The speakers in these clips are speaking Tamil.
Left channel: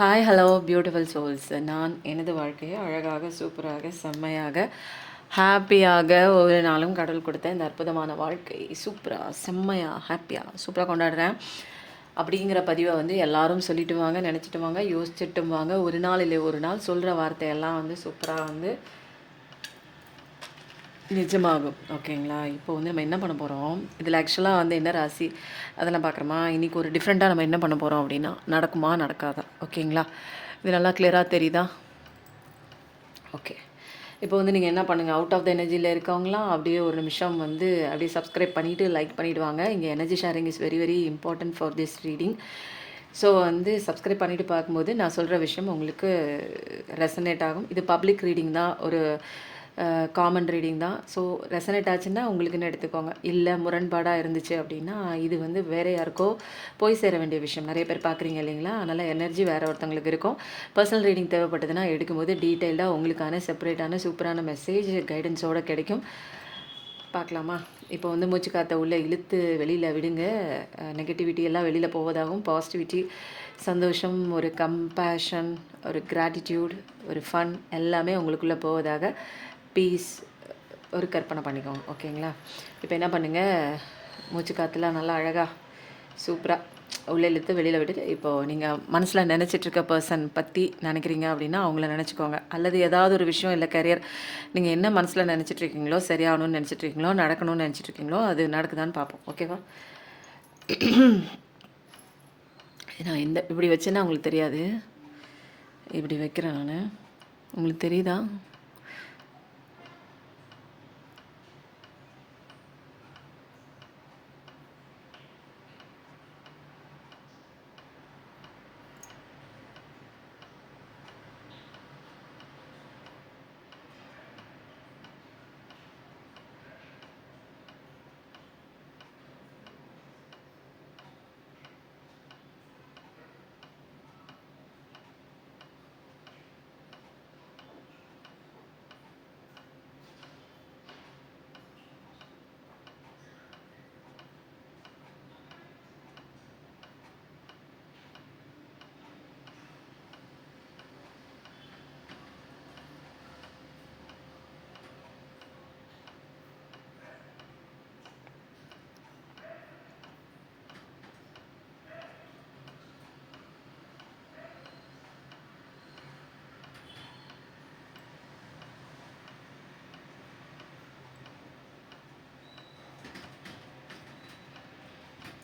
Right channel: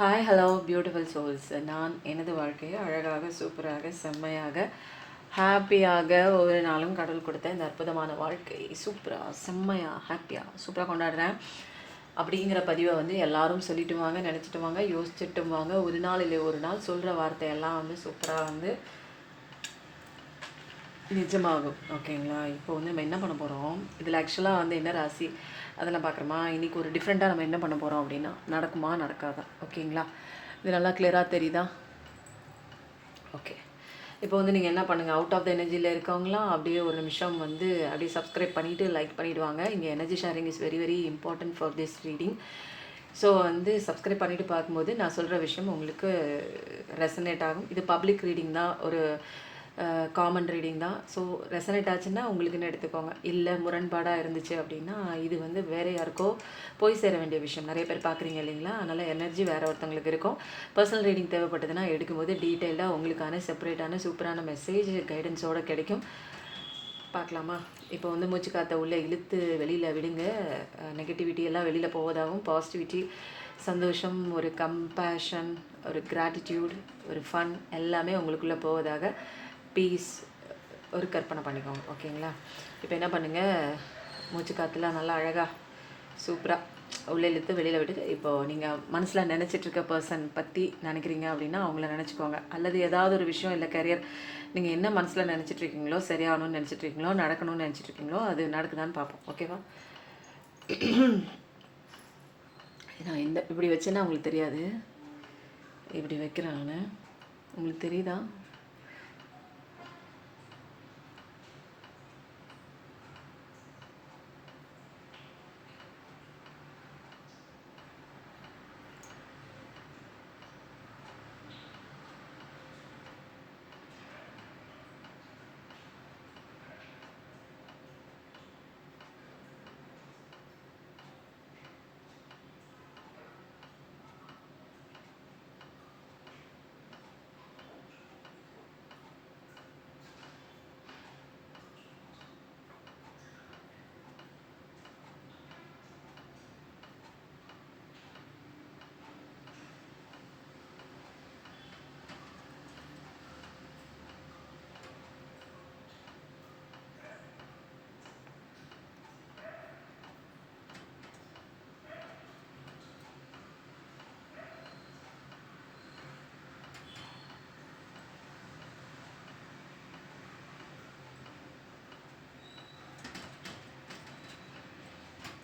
Hi hello beautiful souls. நான் எனது வாழ்க்கையை அழகாக சூப்பராக செம்மையாக ஹாப்பியாக ஒரு நாளும் கடவுள் கொடுத்த இந்த அற்புதமான வாழ்க்கை சூப்பராக செம்மையாக ஹாப்பியாக சூப்பராக கொண்டாடுறேன் அப்படிங்கிற பதிவை வந்து எல்லாரும் சொல்லிட்டு வாங்க, நினச்சிட்டு வாங்க, யோசிச்சுட்டும் வாங்க. ஒரு நாள் இல்லை ஒரு நாள் சொல்கிற வார்த்தையெல்லாம் வந்து சூப்பராக வந்து நிஜமாகும். ஓகேங்களா? இப்போ வந்து நம்ம என்ன பண்ண போகிறோம், இதில் ஆக்சுவலாக வந்து என்ன ராசி அதெல்லாம் பார்க்குறோமா. இன்றைக்கி ஒரு டிஃப்ரெண்ட்டாக நம்ம என்ன பண்ண போகிறோம் அப்படின்னா, நடக்குமா நடக்காதா? ஓகேங்களா? இது நல்லா கிளியராக தெரியுதா? ஓகே. இப்போ வந்து நீங்கள் என்ன பண்ணுங்கள், அவுட் ஆஃப் த எனர்ஜியில் இருக்கவங்களாம் அப்படியே ஒரு நிமிஷம் வந்து அப்படியே சப்ஸ்கிரைப் பண்ணிவிட்டு லைக் பண்ணிவிடுவாங்க. இங்கே energy sharing is very very important for this reading. So வந்து சப்ஸ்கிரைப் பண்ணிவிட்டு பார்க்கும்போது நான் சொல்கிற விஷயம் உங்களுக்கு ரெசனேட் ஆகும். இது பப்ளிக் ரீடிங் தான், ஒரு காமன் ரீடிங் தான். ஸோ ரெசனேட் ஆச்சுன்னா உங்களுக்குன்னு எடுத்துக்கோங்க. இல்லை முரண்பாடாக இருந்துச்சு அப்படின்னா இது வந்து வேறு யாருக்கோ போய் சேர வேண்டிய விஷயம். நிறைய பேர் பார்க்குறீங்க இல்லைங்களா? அதனால் எனர்ஜி வேறு ஒருத்தவங்களுக்கு இருக்கும். பர்சனல் ரீடிங் தேவைப்பட்டதுன்னா எடுக்கும்போது டீட்டெயிலாக உங்களுக்கான செப்பரேட்டான சூப்பரான மெசேஜ் கைடன்ஸோடு கிடைக்கும். பார்க்கலாமா? இப்போ வந்து மூச்சு காற்றை உள்ளே இழுத்து வெளியில் விடுங்க. நெகட்டிவிட்டி எல்லாம் வெளியில் போவதாகவும், பாசிட்டிவிட்டி, சந்தோஷம், ஒரு கம்பேஷன், ஒரு கிராட்டிடியூட், ஒரு ஃபன் எல்லாமே உங்களுக்குள்ளே போவதாக பீஸ் ஒரு கற்பனை பண்ணிக்கோங்க. ஓகேங்களா? இப்போ என்ன பண்ணுங்கள், மூச்சு காற்றுலாம் நல்லா அழகாக சூப்பராக உள்ளே இழுத்து வெளியில் விட்டுட்டு, இப்போது நீங்கள் மனசில் நினச்சிட்ருக்க பர்சன் பற்றி நினைக்கிறீங்க அப்படின்னா அவங்கள நினச்சிக்கோங்க. அல்லது ஏதாவது ஒரு விஷயம் இல்லை கரியர் நீங்கள் என்ன மனசில் நினச்சிட்ருக்கீங்களோ, சரியாகணும்னு நினச்சிட்ருக்கீங்களோ, நடக்கணும்னு நினச்சிட்ருக்கீங்களோ அது நடக்குதான்னு பார்ப்போம். ஓகேவா? நான் இந்த இப்படி வச்சேன்னா உங்களுக்கு தெரியாது, இப்படி வைக்கிறேன் நான். உங்களுக்கு தெரியுதா?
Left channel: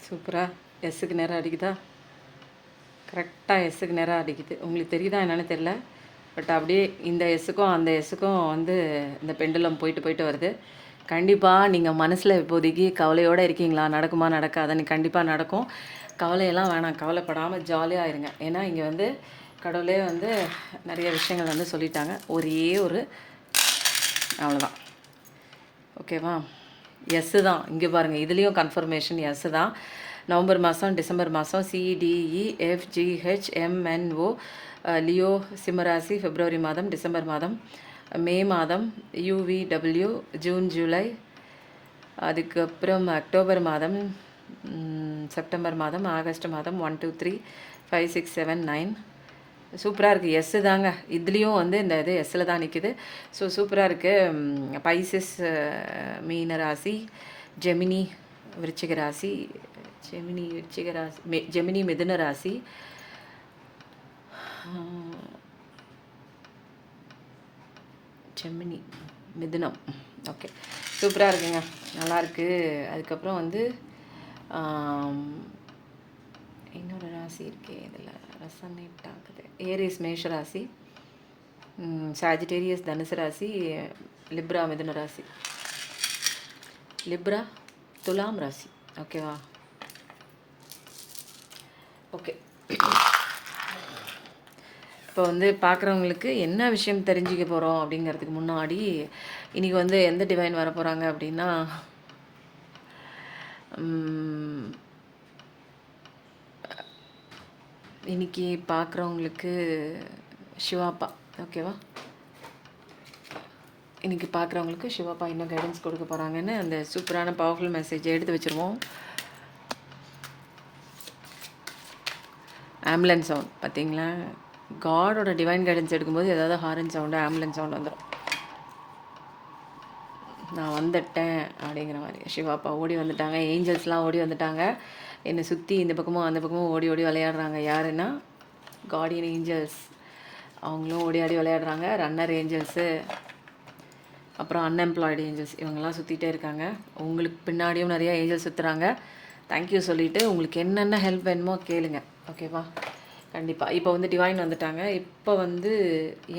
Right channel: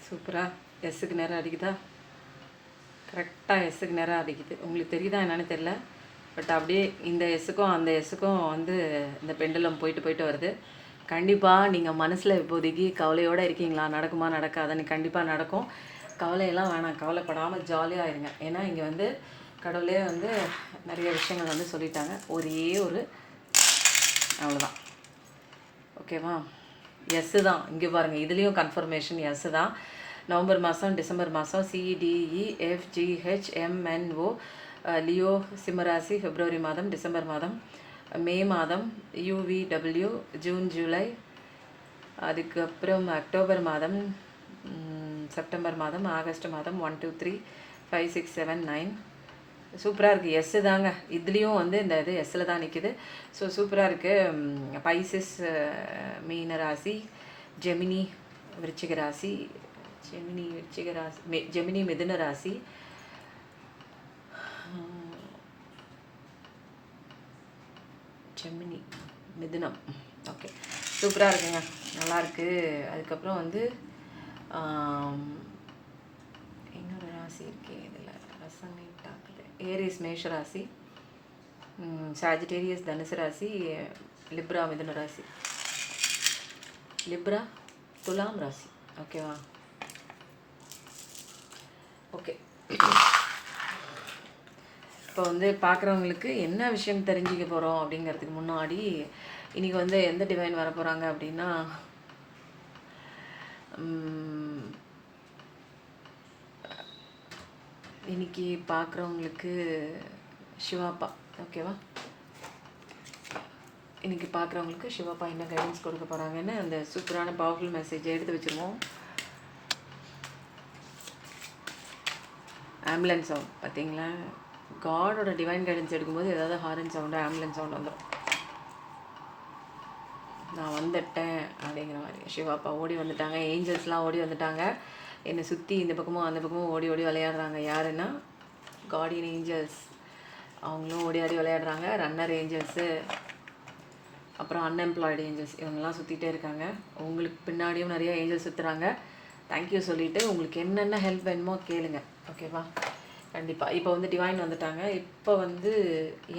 சூப்பராக எஸ்ஸுக்கு நேரம் அடிக்குதா? கரெக்டாக எஸ்ஸுக்கு நேரம் அடிக்குது. உங்களுக்கு தெரியுதா என்னென்னு தெரில, பட் அப்படியே இந்த எஸ்ஸுக்கும் அந்த எஸ்ஸுக்கும் வந்து இந்த பெண்டுலம் போயிட்டு போயிட்டு வருது. கண்டிப்பாக நீங்கள் மனசில் இப்போதைக்கு கவலையோடு இருக்கீங்களா? நடக்குமா நடக்காதுன்னு? கண்டிப்பாக நடக்கும். கவலையெல்லாம் வேணாம், கவலைப்படாமல் ஜாலியாக இருங்க. ஏன்னா இங்கே வந்து கடவுளே வந்து நிறைய விஷயங்கள் வந்து சொல்லிட்டாங்க. ஒரே ஒரு அவ்வளோதான். ஓகேவா? எஸ்ஸு தான். இங்கே பாருங்கள், இதுலேயும் கன்ஃபர்மேஷன் எஸ்ஸு தான். நவம்பர் மாதம், டிசம்பர் மாதம் CDEFGHMNO லியோ சிம்மராசி, பிப்ரவரி மாதம், டிசம்பர் மாதம், மே மாதம் UVW, ஜூன் ஜூலை, அதுக்கப்புறம் அக்டோபர் மாதம், செப்டம்பர் மாதம், ஆகஸ்ட் மாதம் 1 2 3 5 6 7 9. சூப்பராக இருக்குது. எஸ்ஸு தாங்க. இதுலேயும் வந்து இந்த இது எஸ்ஸில் தான் நிற்கிது. ஸோ சூப்பராக இருக்குது. பைசஸ் மீன ராசி, ஜெமினி விருச்சிக ராசி, ஜெமினி மிதுன ராசி, ஜெமினி மிதுனம். ஓகே, சூப்பராக இருக்குங்க, நல்லாயிருக்கு. அதுக்கப்புறம் வந்து இன்னொரு ராசி இருக்கே இதில் ரெசனேட் ஆகுது. ஏரிஸ் மேஷ ராசி, சாஜிடேரியஸ் தனுசு ராசி, லிப்ரா மிதுன ராசி, லிப்ரா துலாம் ராசி. ஓகேவா? ஓகே. இப்போ வந்து பார்க்குறவங்களுக்கு என்ன விஷயம் தெரிஞ்சுக்க போகிறோம் அப்படிங்கிறதுக்கு முன்னாடி இன்றைக்கி வந்து எந்த டிவைன் வர போகிறாங்க அப்படின்னா, இன்றைக்கி பார்க்குறவங்களுக்கு சிவாப்பா. ஓகேவா? இன்றைக்கி பார்க்குறவங்களுக்கு சிவாப்பா என்ன கைடன்ஸ் கொடுக்க போகிறாங்கன்னு அந்த சூப்பரான பவர்ஃபுல் மெசேஜை எடுத்து வச்சுருவோம். ஆம்புலன்ஸ் சவுண்ட் பார்த்தீங்களா? காடோட டிவைன் கைடன்ஸ் எடுக்கும்போது ஏதாவது ஹாரன் சவுண்டு ஆம்புலன்ஸ் சவுண்டு வந்துடும். நான் வந்துட்டேன் அப்படிங்கிற மாதிரி. சிவாப்பா ஓடி வந்துட்டாங்க, ஏஞ்சல்ஸ்லாம் ஓடி வந்துட்டாங்க. என்னை சுற்றி இந்த பக்கமும் அந்த பக்கமும் ஓடி ஓடி விளையாடுறாங்க. யாருன்னா கார்டியன் ஏஞ்சல்ஸ், அவங்களும் ஓடி ஆடி விளையாடுறாங்க. ரன்னர் ஏஞ்சல்ஸு, அப்புறம் அன்எம்ப்ளாய்டு ஏஞ்சல்ஸ், இவங்கெல்லாம் சுற்றிட்டே இருக்காங்க. உங்களுக்கு பின்னாடியும் நிறையா ஏஞ்சல்ஸ் சுற்றுறாங்க. தேங்க்யூ சொல்லிவிட்டு உங்களுக்கு என்னென்ன ஹெல்ப் வேணுமோ கேளுங்க, ஓகேவா? கண்டிப்பாக. இப்போ வந்து டிவைன் வந்துட்டாங்க. இப்போ வந்து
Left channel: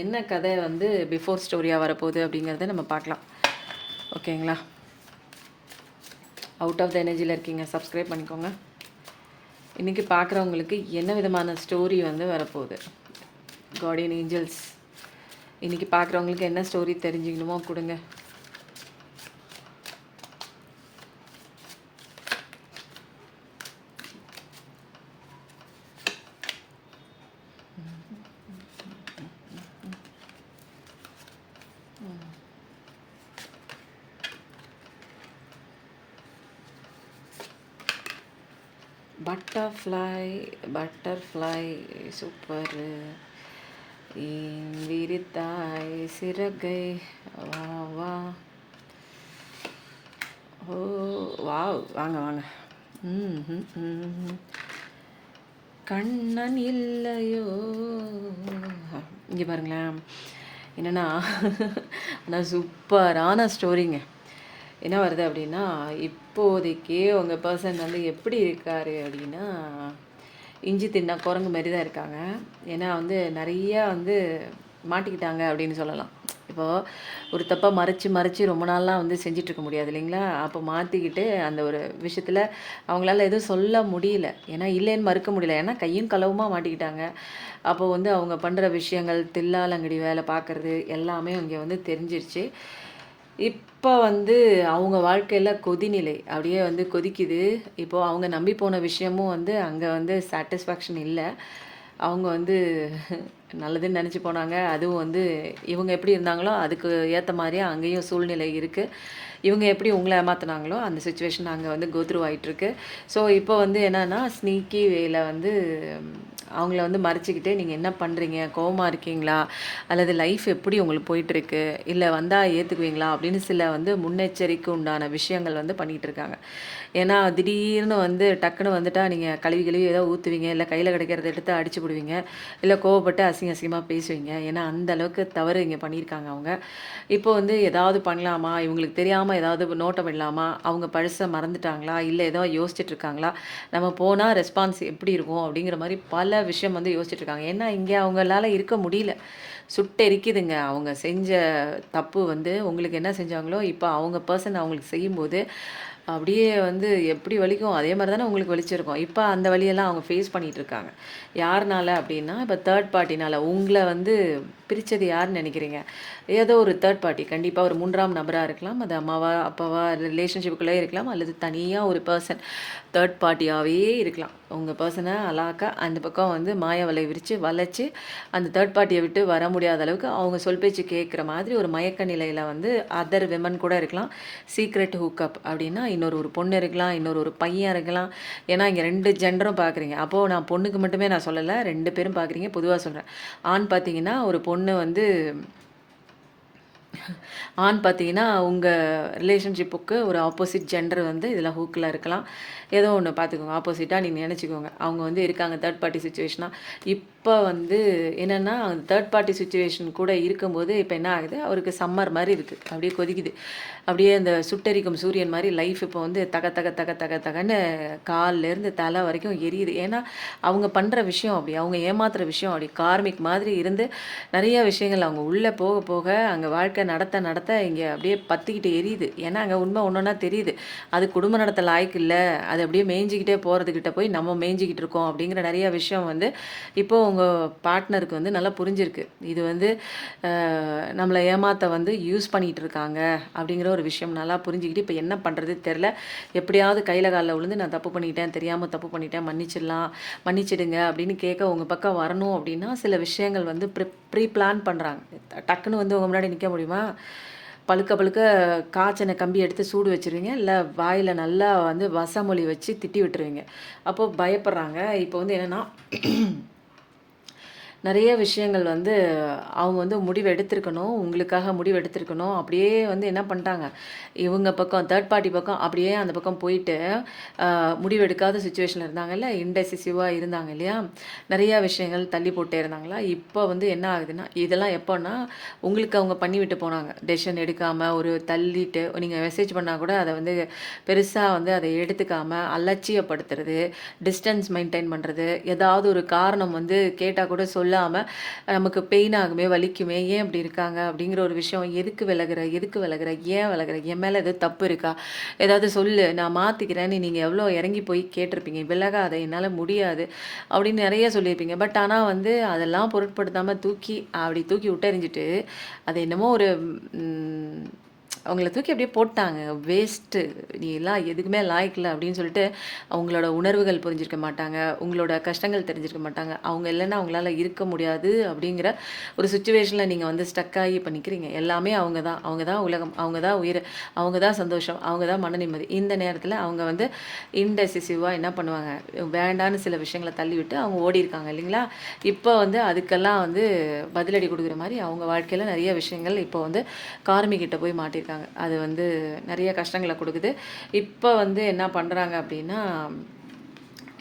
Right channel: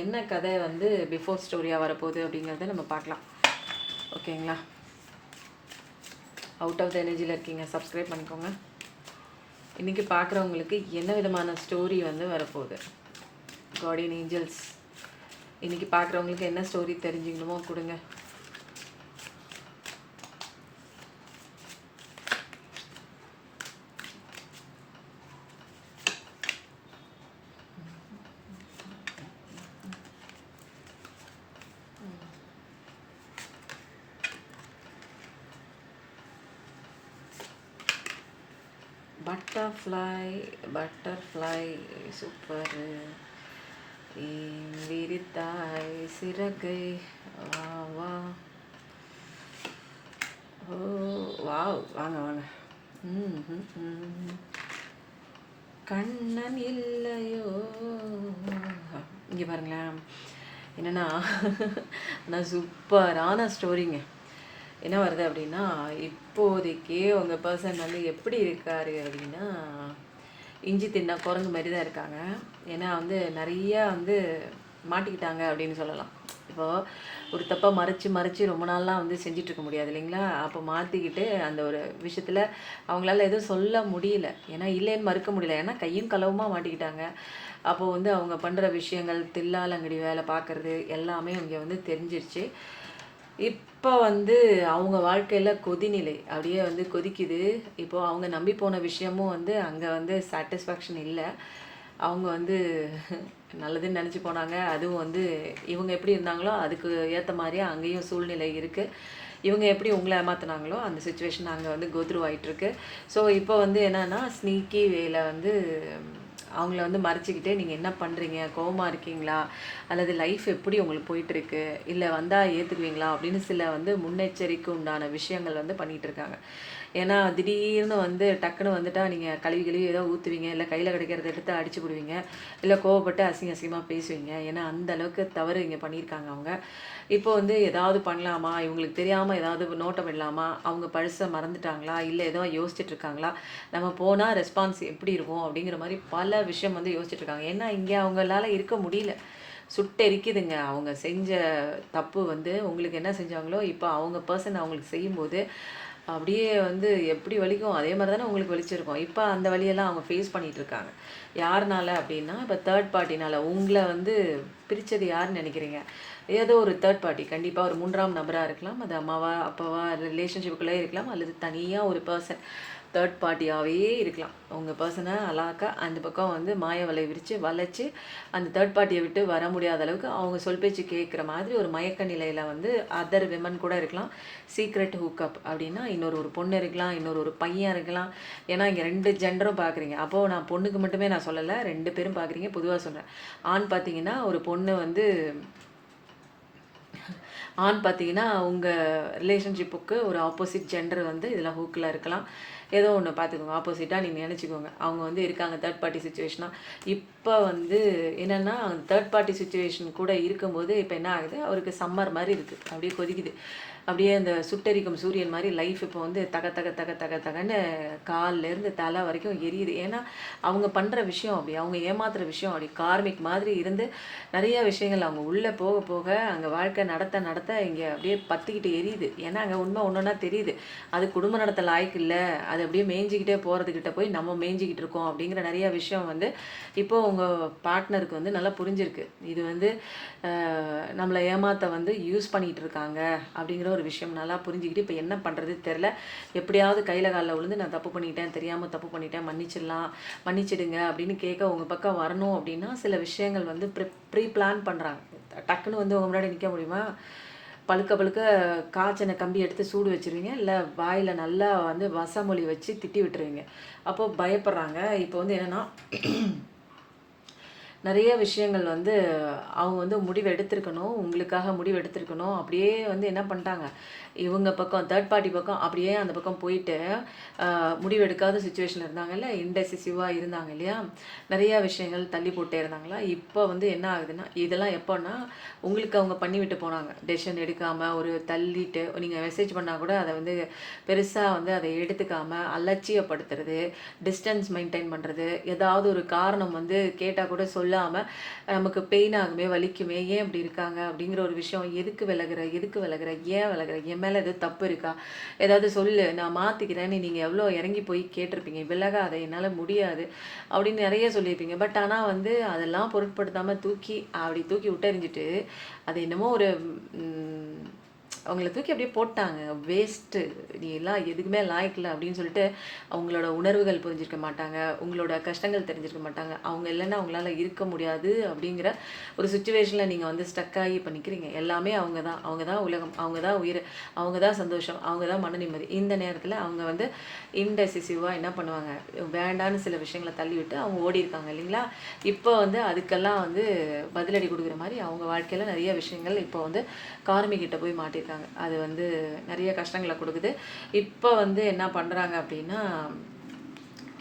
என்ன கதை வந்து பிஃபோர் ஸ்டோரியாக வரப்போகுது அப்படிங்கிறத நம்ம பார்க்கலாம், ஓகேங்களா? அவுட் ஆஃப் த எனர்ஜியில் இருக்கீங்க, சப்ஸ்கிரைப் பண்ணிக்கோங்க. இன்றைக்கி பார்க்குறவங்களுக்கு என்ன விதமான ஸ்டோரி வந்து வரப்போகுது, கார்டியன் ஏஞ்சல்ஸ் இன்றைக்கி பார்க்குறவங்களுக்கு என்ன ஸ்டோரி தெரிஞ்சுக்கணுமோ கொடுங்க. Butterfly super. விரித்தாய் சிறகை வா வா. ஓ வாவ், வாங்க வாங்க. கண்ணன் இல்லையோ. இங்கே பாருங்களேன், என்னென்னா நான் சூப்பரான ஸ்டோரிங்க. என்ன வருது அப்படின்னா, இப்போதைக்கு உங்கள் பர்சன் வந்து எப்படி இருக்கார் அப்படின்னா, இஞ்சி தின்னா குரங்கு மாதிரி தான் இருக்காங்க. ஏன்னா வந்து நிறையா வந்து மாட்டிக்கிட்டாங்க அப்படின்னு சொல்லலாம். இப்போது ஒரு தப்பை மறைச்சி ரொம்ப நாள்லாம் வந்து செஞ்சிட்ருக்க முடியாது இல்லைங்களா? அப்போ மாற்றிக்கிட்டு அந்த ஒரு விஷயத்தில் அவங்களால எதுவும் சொல்ல முடியல. ஏன்னா இல்லைன்னு மறுக்க முடியல. ஏன்னா கையும் களவுமாக மாட்டிக்கிட்டாங்க. அப்போ வந்து அவங்க பண்ணுற விஷயங்கள், தில்லாலங்கடி வேலை பார்க்குறது எல்லாமே இங்கே வந்து தெரிஞ்சிருச்சு. இப்போ வந்து அவங்க வாழ்க்கையில் கொதிநிலை அப்படியே வந்து கொதிக்குது. இப்போது அவங்க நம்பி போன விஷயமும் வந்து அங்கே வந்து சாட்டிஸ்ஃபேக்ஷன் இல்லை. அவங்க வந்து நல்லதுன்னு நினச்சி போனாங்க. அதுவும் வந்து இவங்க எப்படி இருந்தாங்களோ அதுக்கு ஏற்ற மாதிரியே அங்கேயும் சூழ்நிலை இருக்குது. இவங்க எப்படி உங்களை ஏமாற்றினாங்களோ அந்த சுச்சுவேஷன் அங்கே வந்து கோத்ரூ ஆகிட்டுருக்கு. ஸோ இப்போ வந்து என்னென்னா ஸ்னீக்கி வேல வந்து அவங்கள வந்து மறைச்சிக்கிட்டே நீங்கள் என்ன பண்ணுறீங்க, கோவமாக இருக்கீங்களா, அல்லது லைஃப் எப்படி உங்களுக்கு போயிட்டுருக்கு, இல்லை வந்தால் ஏற்றுக்குவீங்களா அப்படின்னு சில வந்து முன்னெச்சரிக்கை உண்டான விஷயங்கள் வந்து பண்ணிகிட்டு இருக்காங்க. ஏன்னா திடீர்னு வந்து டக்குன்னு வந்துட்டால் நீங்கள் கழுவி ஏதோ ஊற்றுவீங்க, இல்லை கையில் கிடைக்கிறத எடுத்து அடிச்சு விடுவீங்க, இல்லை கோவப்பட்டு அசிங்கமாக பேசுவீங்க. ஏன்னா அந்த அளவுக்கு தவறு இங்கே பண்ணியிருக்காங்க அவங்க. இப்போ வந்து ஏதாவது பண்ணலாமா, இவங்களுக்கு தெரியாமல் ஏதாவது நோட்டம் இல்லாமா, அவங்க பழசை மறந்துட்டாங்களா, இல்லை ஏதோ யோசிச்சுட்டு இருக்காங்களா, நம்ம போனால் ரெஸ்பான்ஸ் எப்படி இருக்கும் அப்படிங்கிற மாதிரி பல விஷயம் வந்து யோசிச்சுட்டு இருக்காங்க. ஏன்னா இங்கே அவங்களால இருக்க முடியல, சுட்டெரிக்குதுங்க. அவங்க செஞ்ச தப்பு வந்து உங்களுக்கு என்ன செஞ்சாங்களோ இப்போ அவங்க பர்சன் அவங்களுக்கு செய்யும்போது அப்படியே வந்து எப்படி வலிக்கும் அதே மாதிரி தானே உங்களுக்கு வலிச்சிருக்கும். இப்போ அந்த வழியெல்லாம் அவங்க ஃபேஸ் பண்ணிகிட்டு இருக்காங்க. யாருனால அப்படின்னா, இப்போ தேர்ட் பார்ட்டினால் உங்களை வந்து பிரித்தது யாருன்னு நினைக்கிறீங்க? ஏதோ ஒரு தேர்ட் பார்ட்டி, கண்டிப்பாக ஒரு 3ஆம் நபராக இருக்கலாம். அது அம்மாவா அப்பாவா ரிலேஷன்ஷிப்புக்குள்ளே இருக்கலாம், அல்லது தனியாக ஒரு பர்சன் தேர்ட் பார்ட்டியாகவே இருக்கலாம். உங்கள் பர்சனை அலாக்கா அந்த பக்கம் வந்து மாய வலை விரித்து வளைச்சி அந்த தேர்ட் பார்ட்டியை விட்டு வர முடியாத அளவுக்கு அவங்க சொல் பேச்சு கேட்குற மாதிரி ஒரு மயக்க நிலையில் வந்து அதர் விமன் கூட இருக்கலாம். சீக்ரெட் ஹூக்கப் அப்படின்னா ஒரு பொண்ணு இருக்கலாம், ஒரு பையன் இருக்கலாம். ஏன்னா இங்கே 2 ஜெண்டரும் பார்க்குறீங்க. அப்போது நான் பொண்ணுக்கு மட்டுமே நான் சொல்லலை, 2 பேரும் பார்க்குறீங்க, பொதுவாக சொல்கிறேன். ஆண் பார்த்தீங்கன்னா ஒரு பொண்ணு வந்து ஆண் பார்த்தீங்கன்னா உங்கள் ரிலேஷன்ஷிப்புக்கு ஒரு ஆப்போசிட் ஜெண்டர் வந்து இதில் ஹூக்கில் இருக்கலாம். ஏதோ ஒன்று பார்த்துக்கோங்க, ஆப்போசிட்டாக நீங்கள் நினச்சிக்கோங்க. அவங்க வந்து இருக்காங்க தேர்ட் பார்ட்டி சுச்சுவேஷனாக. இப்போ வந்து என்னென்னா தேர்ட் பார்ட்டி சுச்சுவேஷன் கூட இருக்கும்போது இப்போ என்ன ஆகுது, அவருக்கு சம்மர் மாதிரி இருக்குது, அப்படியே கொதிக்குது, அப்படியே அந்த சுட்டெரிக்கும் சூரியன் மாதிரி லைஃப் இப்போ வந்து தக தக தக தக தகன்னு கால்லேருந்து தலை வரைக்கும் எரியுது. ஏன்னா அவங்க பண்ணுற விஷயம் அப்படி, அவங்க ஏமாத்துகிற விஷயம் அப்படி கார்மிக் மாதிரி இருந்து நிறைய விஷயங்கள் அவங்க உள்ளே போக போக அங்கே வாழ்க்கை நடத்த நடத்த இங்கே அப்படியே பற்றிக்கிட்டு எரியுது. ஏன்னா அங்கே உண்மை ஒன்றுன்னா தெரியுது, அது குடும்ப நடத்த லாய்க்கு இல்லை, அது அப்படியே மேய்ஞ்சிக்கிட்டே போகிறதுக்கிட்ட போய் நம்ம மேய்ஞ்சிக்கிட்டு இருக்கோம் அப்படிங்கிற நிறைய விஷயம் வந்து இப்போது உங்கள் பார்ட்னருக்கு வந்து நல்லா புரிஞ்சிருக்கு. இது வந்து நம்மளை ஏமாற்ற வந்து யூஸ் பண்ணிகிட்டு இருக்காங்க அப்படிங்கிற ஒரு விஷயம் நல்லா புரிஞ்சுக்கிட்டு இப்போ என்ன பண்ணுறது தெரில, எப்படியாவது கையில் காலில் விழுந்து நான் தப்பு பண்ணிட்டேன், தெரியாமல் தப்பு பண்ணிட்டேன், மன்னிச்சிடுங்க அப்படின்னு கேட்க உங்கள் பக்கம் வரணும் அப்படின்னா சில விஷயங்கள் வந்து ப்ரீ பிளான் பண்ணுறாங்க. டக்குன்னு வந்து உங்கள் முன்னாடி நிற்க முடியுமா? பழுக்க காய்ச்சனை கம்பி எடுத்து சூடு வச்சுருவீங்க, இல்லை வாயில் நல்லா வந்து வசமொழி வச்சு திட்டி விட்டுருவீங்க. அப்போது பயப்படுறாங்க. இப்போ வந்து என்னென்னா நிறைய விஷயங்கள் வந்து அவங்க வந்து முடிவு எடுத்திருக்கணும். உங்களுக்காக முடிவு எடுத்திருக்கணும். அப்படியே வந்து என்ன பண்ணிட்டாங்க, இவங்க பக்கம் தேர்ட் பார்ட்டி பக்கம் அப்படியே அந்த பக்கம் போயிட்டு முடிவு எடுக்காத சிச்சுவேஷன்ல இருந்தாங்கல்ல, இன்டெசிசிவா இருந்தாங்க இல்லையா? நிறையா விஷயங்கள் தள்ளி போட்டே இருந்தாங்களா? இப்போ வந்து என்ன ஆகுதுன்னா, இதெல்லாம் எப்போன்னா, உங்களுக்கு அவங்க பண்ணிவிட்டு போனாங்க. டெசிஷன் எடுக்காம ஒரு தள்ளிட்டு நீங்க மெசேஜ் பண்ணா கூட அத வந்து பெருசா வந்து அத எடுத்துக்காம, அலட்சியப்படுத்துறது, டிஸ்டன்ஸ் மெயின்டெயின் பண்றது, ஏதாவது ஒரு காரணம் வந்து கேட்டா கூட சொல்லாம, நமக்கு பெயின் ஆகுமே, வலிக்குமே, ஏன் இப்படி இருக்காங்க? அப்படிங்கிற ஒரு விஷயம். எதுக்கு விலகுற? எதுக்கு விலகுற? ஏன் விலகுற? என் மேல எதுவும் தப்பு இருக்கா? ஏதாவது சொல்லு, நான் மாத்திக்கிறேன்னு நீங்க எவ்வளோ இறங்கி போய் கேட்டிருப்பீங்க. விலகாத, என்னால முடியாது அப்படின்னு நெறைய சொல்லியிருப்பீங்க. பட் ஆனா வந்து அதெல்லாம் பொருட்படுத்தாம அப்படி தூக்கி விட்டெறிஞ்சுட்டு, அது என்னமோ ஒரு ம் அவங்கள தூக்கி அப்படியே போட்டாங்க. வேஸ்ட்டு. நீ எல்லாம் எதுக்குமே லாயக்கு இல்ல அப்படின்னு சொல்லிட்டு, அவங்களோட உணர்வுகள் புரிஞ்சிருக்க மாட்டாங்க. உங்களோட கஷ்டங்கள் தெரிஞ்சிருக்க மாட்டாங்க. அவங்க இல்லன்னா அவங்களால இருக்க முடியாது அப்படிங்கிற ஒரு சிச்சுவேஷன்ல நீங்க வந்து ஸ்டக் ஆகி இப்ப நிக்கிறீங்க. எல்லாமே அவங்க தான். அவங்க தான் உலகம். அவங்க தான் உயிர். அவங்க தான் சந்தோஷம். அவங்க தான் மன நிம்மதி. இந்த நேரத்துல அவங்க வந்து இன்டெசிசிவா என்ன பண்ணுவாங்க, வேண்டான்னு சில விஷயங்கள தள்ளிவிட்டு அவங்க ஓடியிருக்காங்க இல்லைங்களா? இப்போ வந்து அதுக்கெல்லாம் வந்து பதிலடி குடுக்குற மாரி அவங்க வாழ்க்கையில நெறைய விஷயங்கள் இப்போ வந்து கார்மிகிட்ட போய் மாட்டியிருக்காங்க. அது வந்து நிறைய கஷ்டங்கள குடுக்குது. இப்ப வந்து என்ன பண்றாங்க அப்டின்னா,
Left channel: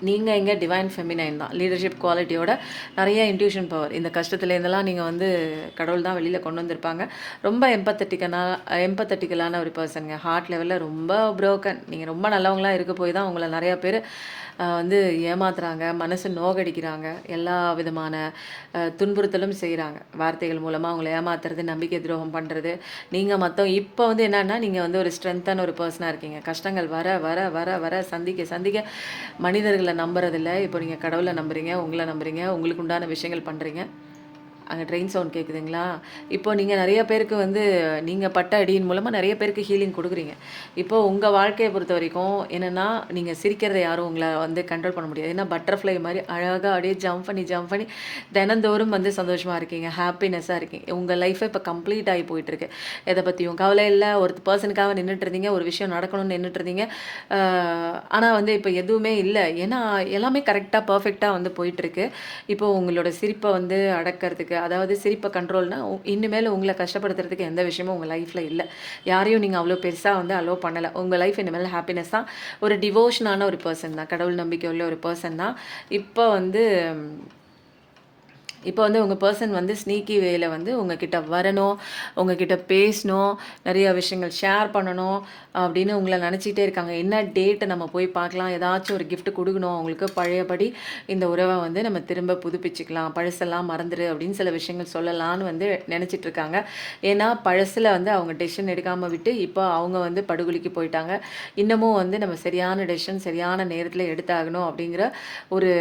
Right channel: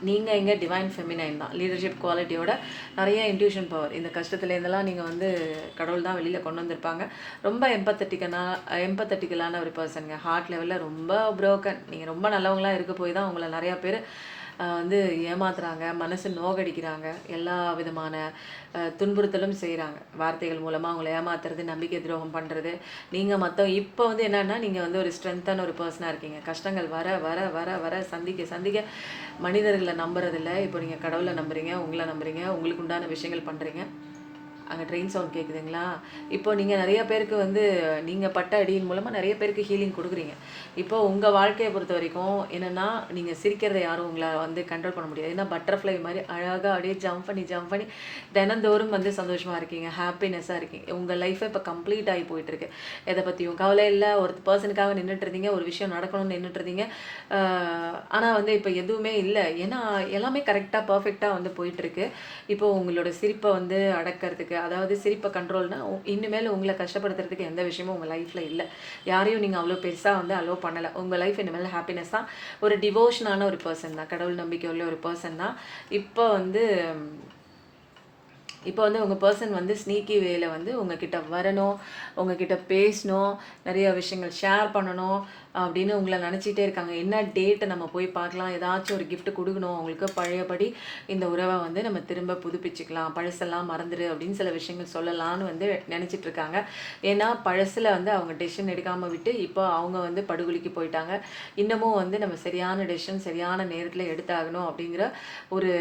நீங்க எங்க டிவைன் ஃபெமினைன் தான். லீடர்ஷிப் குவாலிட்டியோட நிறைய இன்ட்யூஷன் பவர். இந்த கஷ்டத்துலேருந்தெல்லாம் நீங்க வந்து கடவுள் தான் வெளில கொண்டு வந்திருப்பாங்க. ரொம்ப எம்பத்தட்டிக்கலான ஒரு பெர்சன்ங்க. ஹார்ட் லெவல்ல ரொம்ப புரோக்கன். நீங்க ரொம்ப நல்லவங்களா இருக்க போய் தான் உங்கள நெறைய பேரு வந்து ஏமாத்துறாங்க, மனசு நோகடிக்கிறாங்க. எல்லா விதமான துன்புறுத்தலும் செய்றாங்க. வார்த்தைகள் மூலமா அவங்கள ஏமாத்துறது, நம்பிக்கை துரோகம் பண்றது. நீங்க இப்போ வந்து என்னன்னா, நீங்க வந்து ஒரு ஸ்ட்ரென்த்தான ஒரு பெர்சனா இருக்கீங்க. கஷ்டங்கள் வர, வர, வர, வர சந்திக்க, சந்திக்க மனிதர்கள நம்புறதில்ல. இப்போ நீங்க கடவுள நம்புறீங்க, உங்கள நம்புறீங்க, உங்களுக்கு உண்டான விஷயங்கள் பண்றீங்க. அங்க ட்ரெயின் சவுண்ட் கேட்குதுங்களா? இப்போ நீங்க நெறைய பேருக்கு வந்து நீங்க பட்ட அடியின் மூலமா நெறைய பேருக்கு ஹீலிங் குடுக்குறீங்க. இப்போ உங்க வாழ்க்கைய பொறுத்தவரைக்கும் என்னன்னா, நீங்க சிரிக்கிறத யாரும் உங்கள வந்து கண்ட்ரோல் பண்ண முடியாது. ஏன்னா பட்டர்ஃப்ளை மாரி அழகா அப்படியே ஜம்ப் பண்ணி, ஜம்ப் பண்ணி தினந்தோறும் வந்து சந்தோஷமா இருக்கீங்க. ஹாப்பினஸ்ஸா இருக்கீங்க. உங்க லைஃப் இப்ப கம்ப்ளீட் ஆகி போயிட்டுருக்கு. எத பத்தியும் கவலை இல்ல. ஒரு பெர்சனுக்காக நின்னுட்டு இருந்தீங்க. ஒரு விஷயம் நடக்கணும்னு நின்னுட்டு இருந்தீங்க. ஆ ஆனா வந்து இப்ப எதுவுமே இல்ல. ஏன்னா எல்லாமே கரெக்ட்டா, பெர்ஃபெக்ட்டா வந்து போயிட்டுருக்கு. இப்போ உங்களோட சிரிப்ப வந்து அடக்கறதுக்கு, அதாவது சிரிப்ப கண்ட்ரோல்னா, இனிமேல் உங்கள கஷ்டப்படுத்துறதுக்கு எந்த விஷயமும் உங்க லைஃப்ல இல்ல. யாரையும் நீங்க அவ்ளோ பெருசா வந்து அலோவ் பண்ணல. உங்க லைஃப் இனிமேல் ஹாப்பினஸ் தான். ஒரு டிவோஷனான ஒரு பெர்சன் தான். கடவுள் நம்பிக்கை உள்ள ஒரு பெர்சன் தான். இப்ப வந்து இப்போ வந்து உங்க பெர்சன் வந்து ஸ்னீக்கி வேல வந்து உங்ககிட்ட வரணும், உங்ககிட்ட பேசணும், நிறைய விஷயங்கள் ஷேர் பண்ணணும் அப்படின்னு உங்கள நினச்சிட்டே இருக்காங்க. என்ன டேட் நம்ம போய் பார்க்கலாம், ஏதாச்சும் ஒரு கிஃப்ட் குடுக்கணும் அவங்களுக்கு. பழையபடி இந்த உறவ வந்து நம்ம திரும்ப புதுப்பிச்சுக்கலாம். பழசெல்லாம் மறந்துரு அப்படின்னு சில விஷயங்கள் சொல்லலான்னு வந்து நினச்சிட்டு இருக்காங்க. ஏன்னா பழசுல வந்து அவங்க டெசிஷன் எடுக்காம விட்டு, இப்போ அவங்க வந்து படுகொலிக்கு போயிட்டாங்க. இன்னமும் வந்து நம்ம சரியான டெசிஷன் சரியான நேரத்தில எடுத்தாகணும் அப்படிங்கிற ஒரு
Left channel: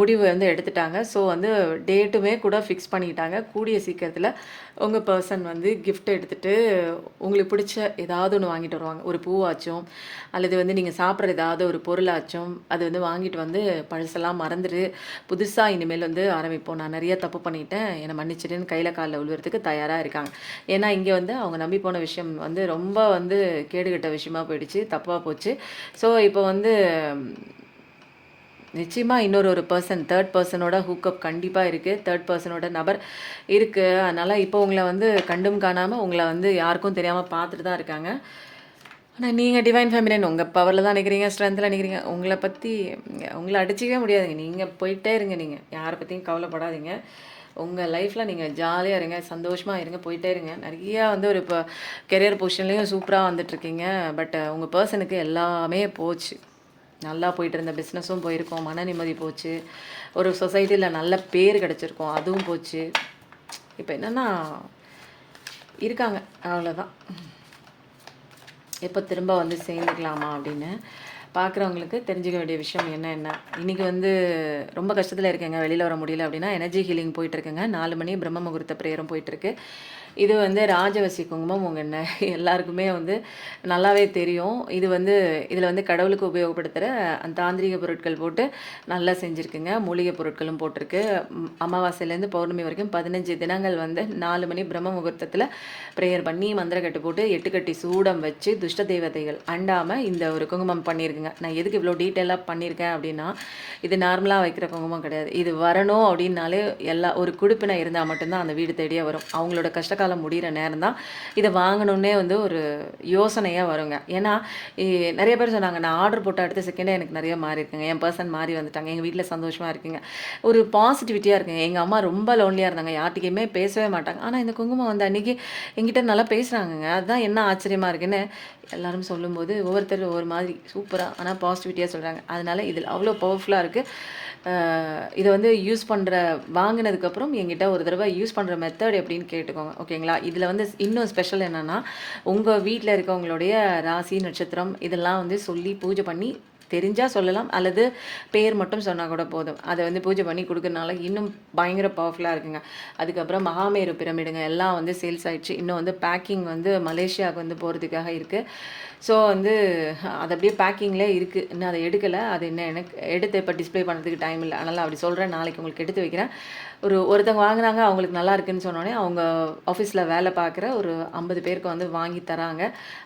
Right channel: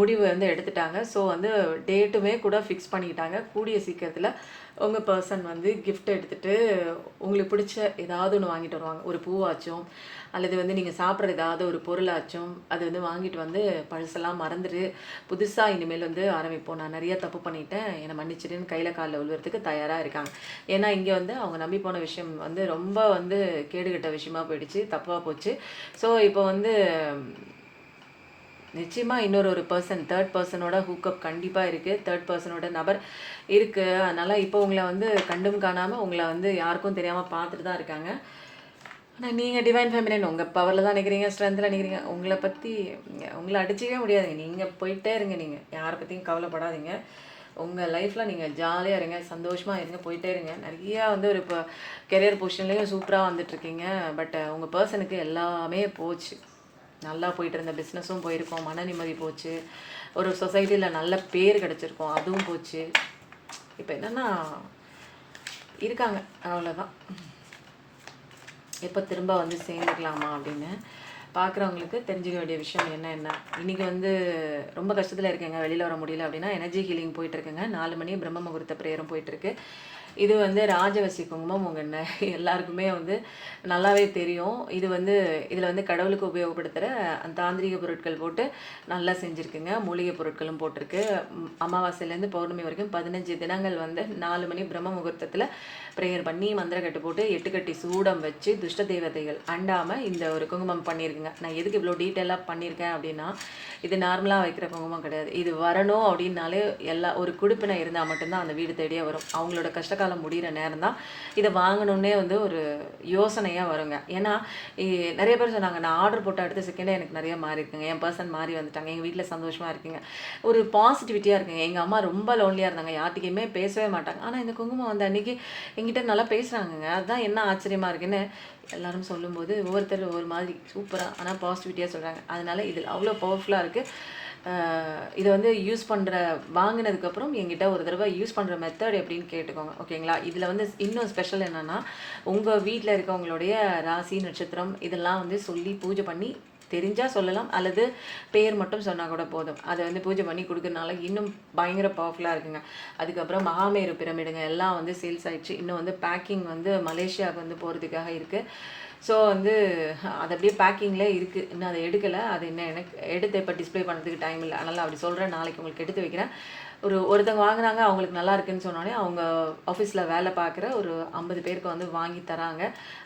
முடிவு வந்து எடுத்துட்டாங்க. ஸோ வந்து டேட்டுமே கூட ஃபிக்ஸ் பண்ணிட்டாங்க. கூடிய சீக்கிரத்தில உங்க பெர்சன் வந்து கிஃப்ட் எடுத்துட்டு உங்களுக்கு பிடிச்ச ஏதாவது ஒண்ணு வாங்கிட்டு வருவாங்க. ஒரு பூவாச்சும், அல்லது வந்து நீங்க சாப்பிடுற ஏதாவது ஒரு பொருளாச்சும், அது வந்து வாங்கிட்டு வந்து பழசெல்லாம் மறந்துரு, புதுசா இனிமேல் வந்து ஆரம்பிப்போம். நான் நெறைய தப்பு பண்ணிட்டேன். என்ன மன்னிச்சிடுன்னு கையில கால்ல விழுவுறதுக்கு தயாரா இருக்காங்க. ஏன்னா இங்க வந்து அவங்க நம்பி போன விஷயம் வந்து ரொம்ப வந்து கேடுகெட்ட விஷயமா போயிடுச்சு. தப்பா போச்சு. ஸோ இப்போ வந்து நிச்சயமா இன்னொரு பெர்சன், தேர்ட் பெர்சனோட ஹூக்கப் கண்டிப்பா இருக்கு. தேர்ட் பெர்சனோட நபர் இருக்கு. அதனால இப்போ உங்கள வந்து கண்டும் காணாம உங்கள வந்து யாருக்கும் தெரியாம பார்த்துட்டு தான் இருக்காங்க. ஆனா நீங்க டிவைன் ஃபெமினின் உங்க பவர்ல தான் நிக்கிறீங்க, ஸ்ட்ரென்த்ல நிக்கிறீங்க. உங்கள பத்தி உங்கள அடிச்சுக்கவே முடியாதுங்க. நீங்க போயிட்டே இருங்க நீங்க. யார பத்தியும் கவலைப்படாதீங்க. உங்க லைஃப்ல நீங்க ஜாலியா இருங்க, சந்தோஷமா இருங்க, போயிட்டே இருங்க. நெறையா வந்து ஒரு இப்போ கெரியர் பொசிஷன்லயும் சூப்பரா வந்துட்டுருக்கீங்க. பட் உங்க பெர்சனுக்கு எல்லாமே போச்சு. நல்லா போயிட்டு இருந்த பிஸ்னஸும் போயிருக்கும். மன நிம்மதி போச்சு. ஒரு சொசைட்டில நல்ல பேர் கிடைச்சிருக்கும். அதுவும் போச்சு. இப்ப என்னன்னா இருக்காங்க. அவ்வளோதான். எப்ப திரும்ப வந்து சேர்ந்துக்கலாமா அப்படின்னு. பார்க்குறவங்களுக்கு தெரிஞ்சுக்க வேண்டிய விஷயம் என்ன? இன்னைக்கு வந்து ரொம்ப கஷ்டத்துல இருக்கேங்க. வெளில வர முடியல அப்படின்னா, எனர்ஜி ஹீலிங் போயிட்டுருக்குங்க. 4 மணி பிரம்ம முகூர்த்த பிரேயரும் போயிட்டுருக்கு. இது வந்து ராஜவசி குங்குமம். எல்லாருக்குமே வந்து நல்லாவே தெரியும். இது வந்து இதில வந்து கடவுளுக்கு உபயோகப்படுத்துகிற அந்த தாந்திரீக பொருட்கள் போட்டு நல்லா செஞ்சுருக்குங்க. மூலிகை பொருட்களும் போட்டிருக்கு. அமாவாசையிலேருந்து பௌர்ணமி வரைக்கும் 15 தினங்கள் வந்து 4 மணி பிரம்ம முகூர்த்தத்தில் ப்ரேயர் பண்ணி மந்திரக்கட்டு போட்டு 8 கட்டி சூடம் வச்சு துஷ்ட தேவதைகள் அண்டாமல் இந்த ஒரு குங்குமம் பண்ணியிருக்குங்க. நான் எதுக்கு இவ்வளோ டீட்டெயிலாக பண்ணியிருக்கேன் அப்படின்னா, இது நார்மலாக வைக்கிற குங்குமம் கிடையாது. இது வரணும் அப்படின்னாலே ஒரு குடுப்பினை இருந்தால் மட்டும்தான் அந்த வீடு தேடியே வரும். அவங்களோட கஷ்டகாலம் முடிகிற நேரம் தான் இதை வாங்கணுன்னே வந்து ஒரு யோசனையாக வருங்க. ஏன்னா நிறைய பேர் சொன்னாங்க, நான் ஆர்டர் போட்ட அடுத்த செகண்டே எனக்கு நிறைய மாறி இருக்குங்க. என் பர்சன் மாறி வந்துட்டாங்க. எங்கள் வீட்டில் சந்தோஷமாக இருக்குங்க. ஒரு பாசிட்டிவிட்டியாக இருக்குங்க. எங்கள் அம்மா ரொம்ப லோன்லியாக இருந்தாங்க. யார்கிட்டையுமே பேசவே மாட்டாங்க. ஆனால் இந்த குங்குமம் வந்து அன்றைக்கி எங்கிட்ட நல்லா பேசுகிறாங்கங்க. அதுதான் என்ன ஆச்சரியமாக இருக்குன்னு எல்லாரும் சொல்லும்போது ஒவ்வொருத்தர் ஒவ்வொரு மாதிரி சூப்பராக ஆனால் பாசிட்டிவிட்டியாக சொல்கிறாங்க. அதனால் இதில் அவ்வளோ பவர்ஃபுல்லாக இருக்குது. இதை வந்து யூஸ் பண்ணுற வாங்கினதுக்கப்புறம் எங்கிட்ட ஒரு தடவை யூஸ் பண்ணுற மெத்தட் எப்படின்னு கேட்டுக்கோங்க. ஓகேங்களா? இதில் வந்து இன்னும் ஸ்பெஷல் என்னென்னா, உங்கள் வீட்டில் இருக்கவங்களுடைய ராசி நட்சத்திரம் இதெல்லாம் வந்து சொல்லி பூஜை பண்ணி தெரிஞ்சால் சொல்லலாம், அல்லது பேர் மட்டும் சொன்னால் கூட போதும். அதை வந்து பூஜை பண்ணி கொடுக்கறனால இன்னும் பயங்கர பவர்ஃபுல்லாக இருக்குங்க. அதுக்கப்புறம் மகாமேரு பிரமிடுங்க எல்லாம் வந்து சேல்ஸ் ஆகிடுச்சு. இன்னும் வந்து பேக்கிங் வந்து மலேசியாவுக்கு வந்து போகிறதுக்காக இருக்குது. ஸோ வந்து அது அப்படியே பேக்கிங்கில் இருக்குது. இன்னும் அதை எடுக்கலை. அது இன்னும் எனக்கு எடுத்து இப்போ டிஸ்பிளே பண்ணுறதுக்கு டைம் இல்லை. அதனால் அப்படி சொல்கிறேன். நாளைக்கு உங்களுக்கு எடுத்து வைக்கிறேன். ஒருத்தவங்க வாங்கினாங்க, அவங்களுக்கு நல்லா இருக்குன்னு சொன்னோடனே அவங்க ஆஃபீஸில் வேலை பார்க்குற ஒரு 50 பேருக்கு வந்து வாங்கி தராங்க.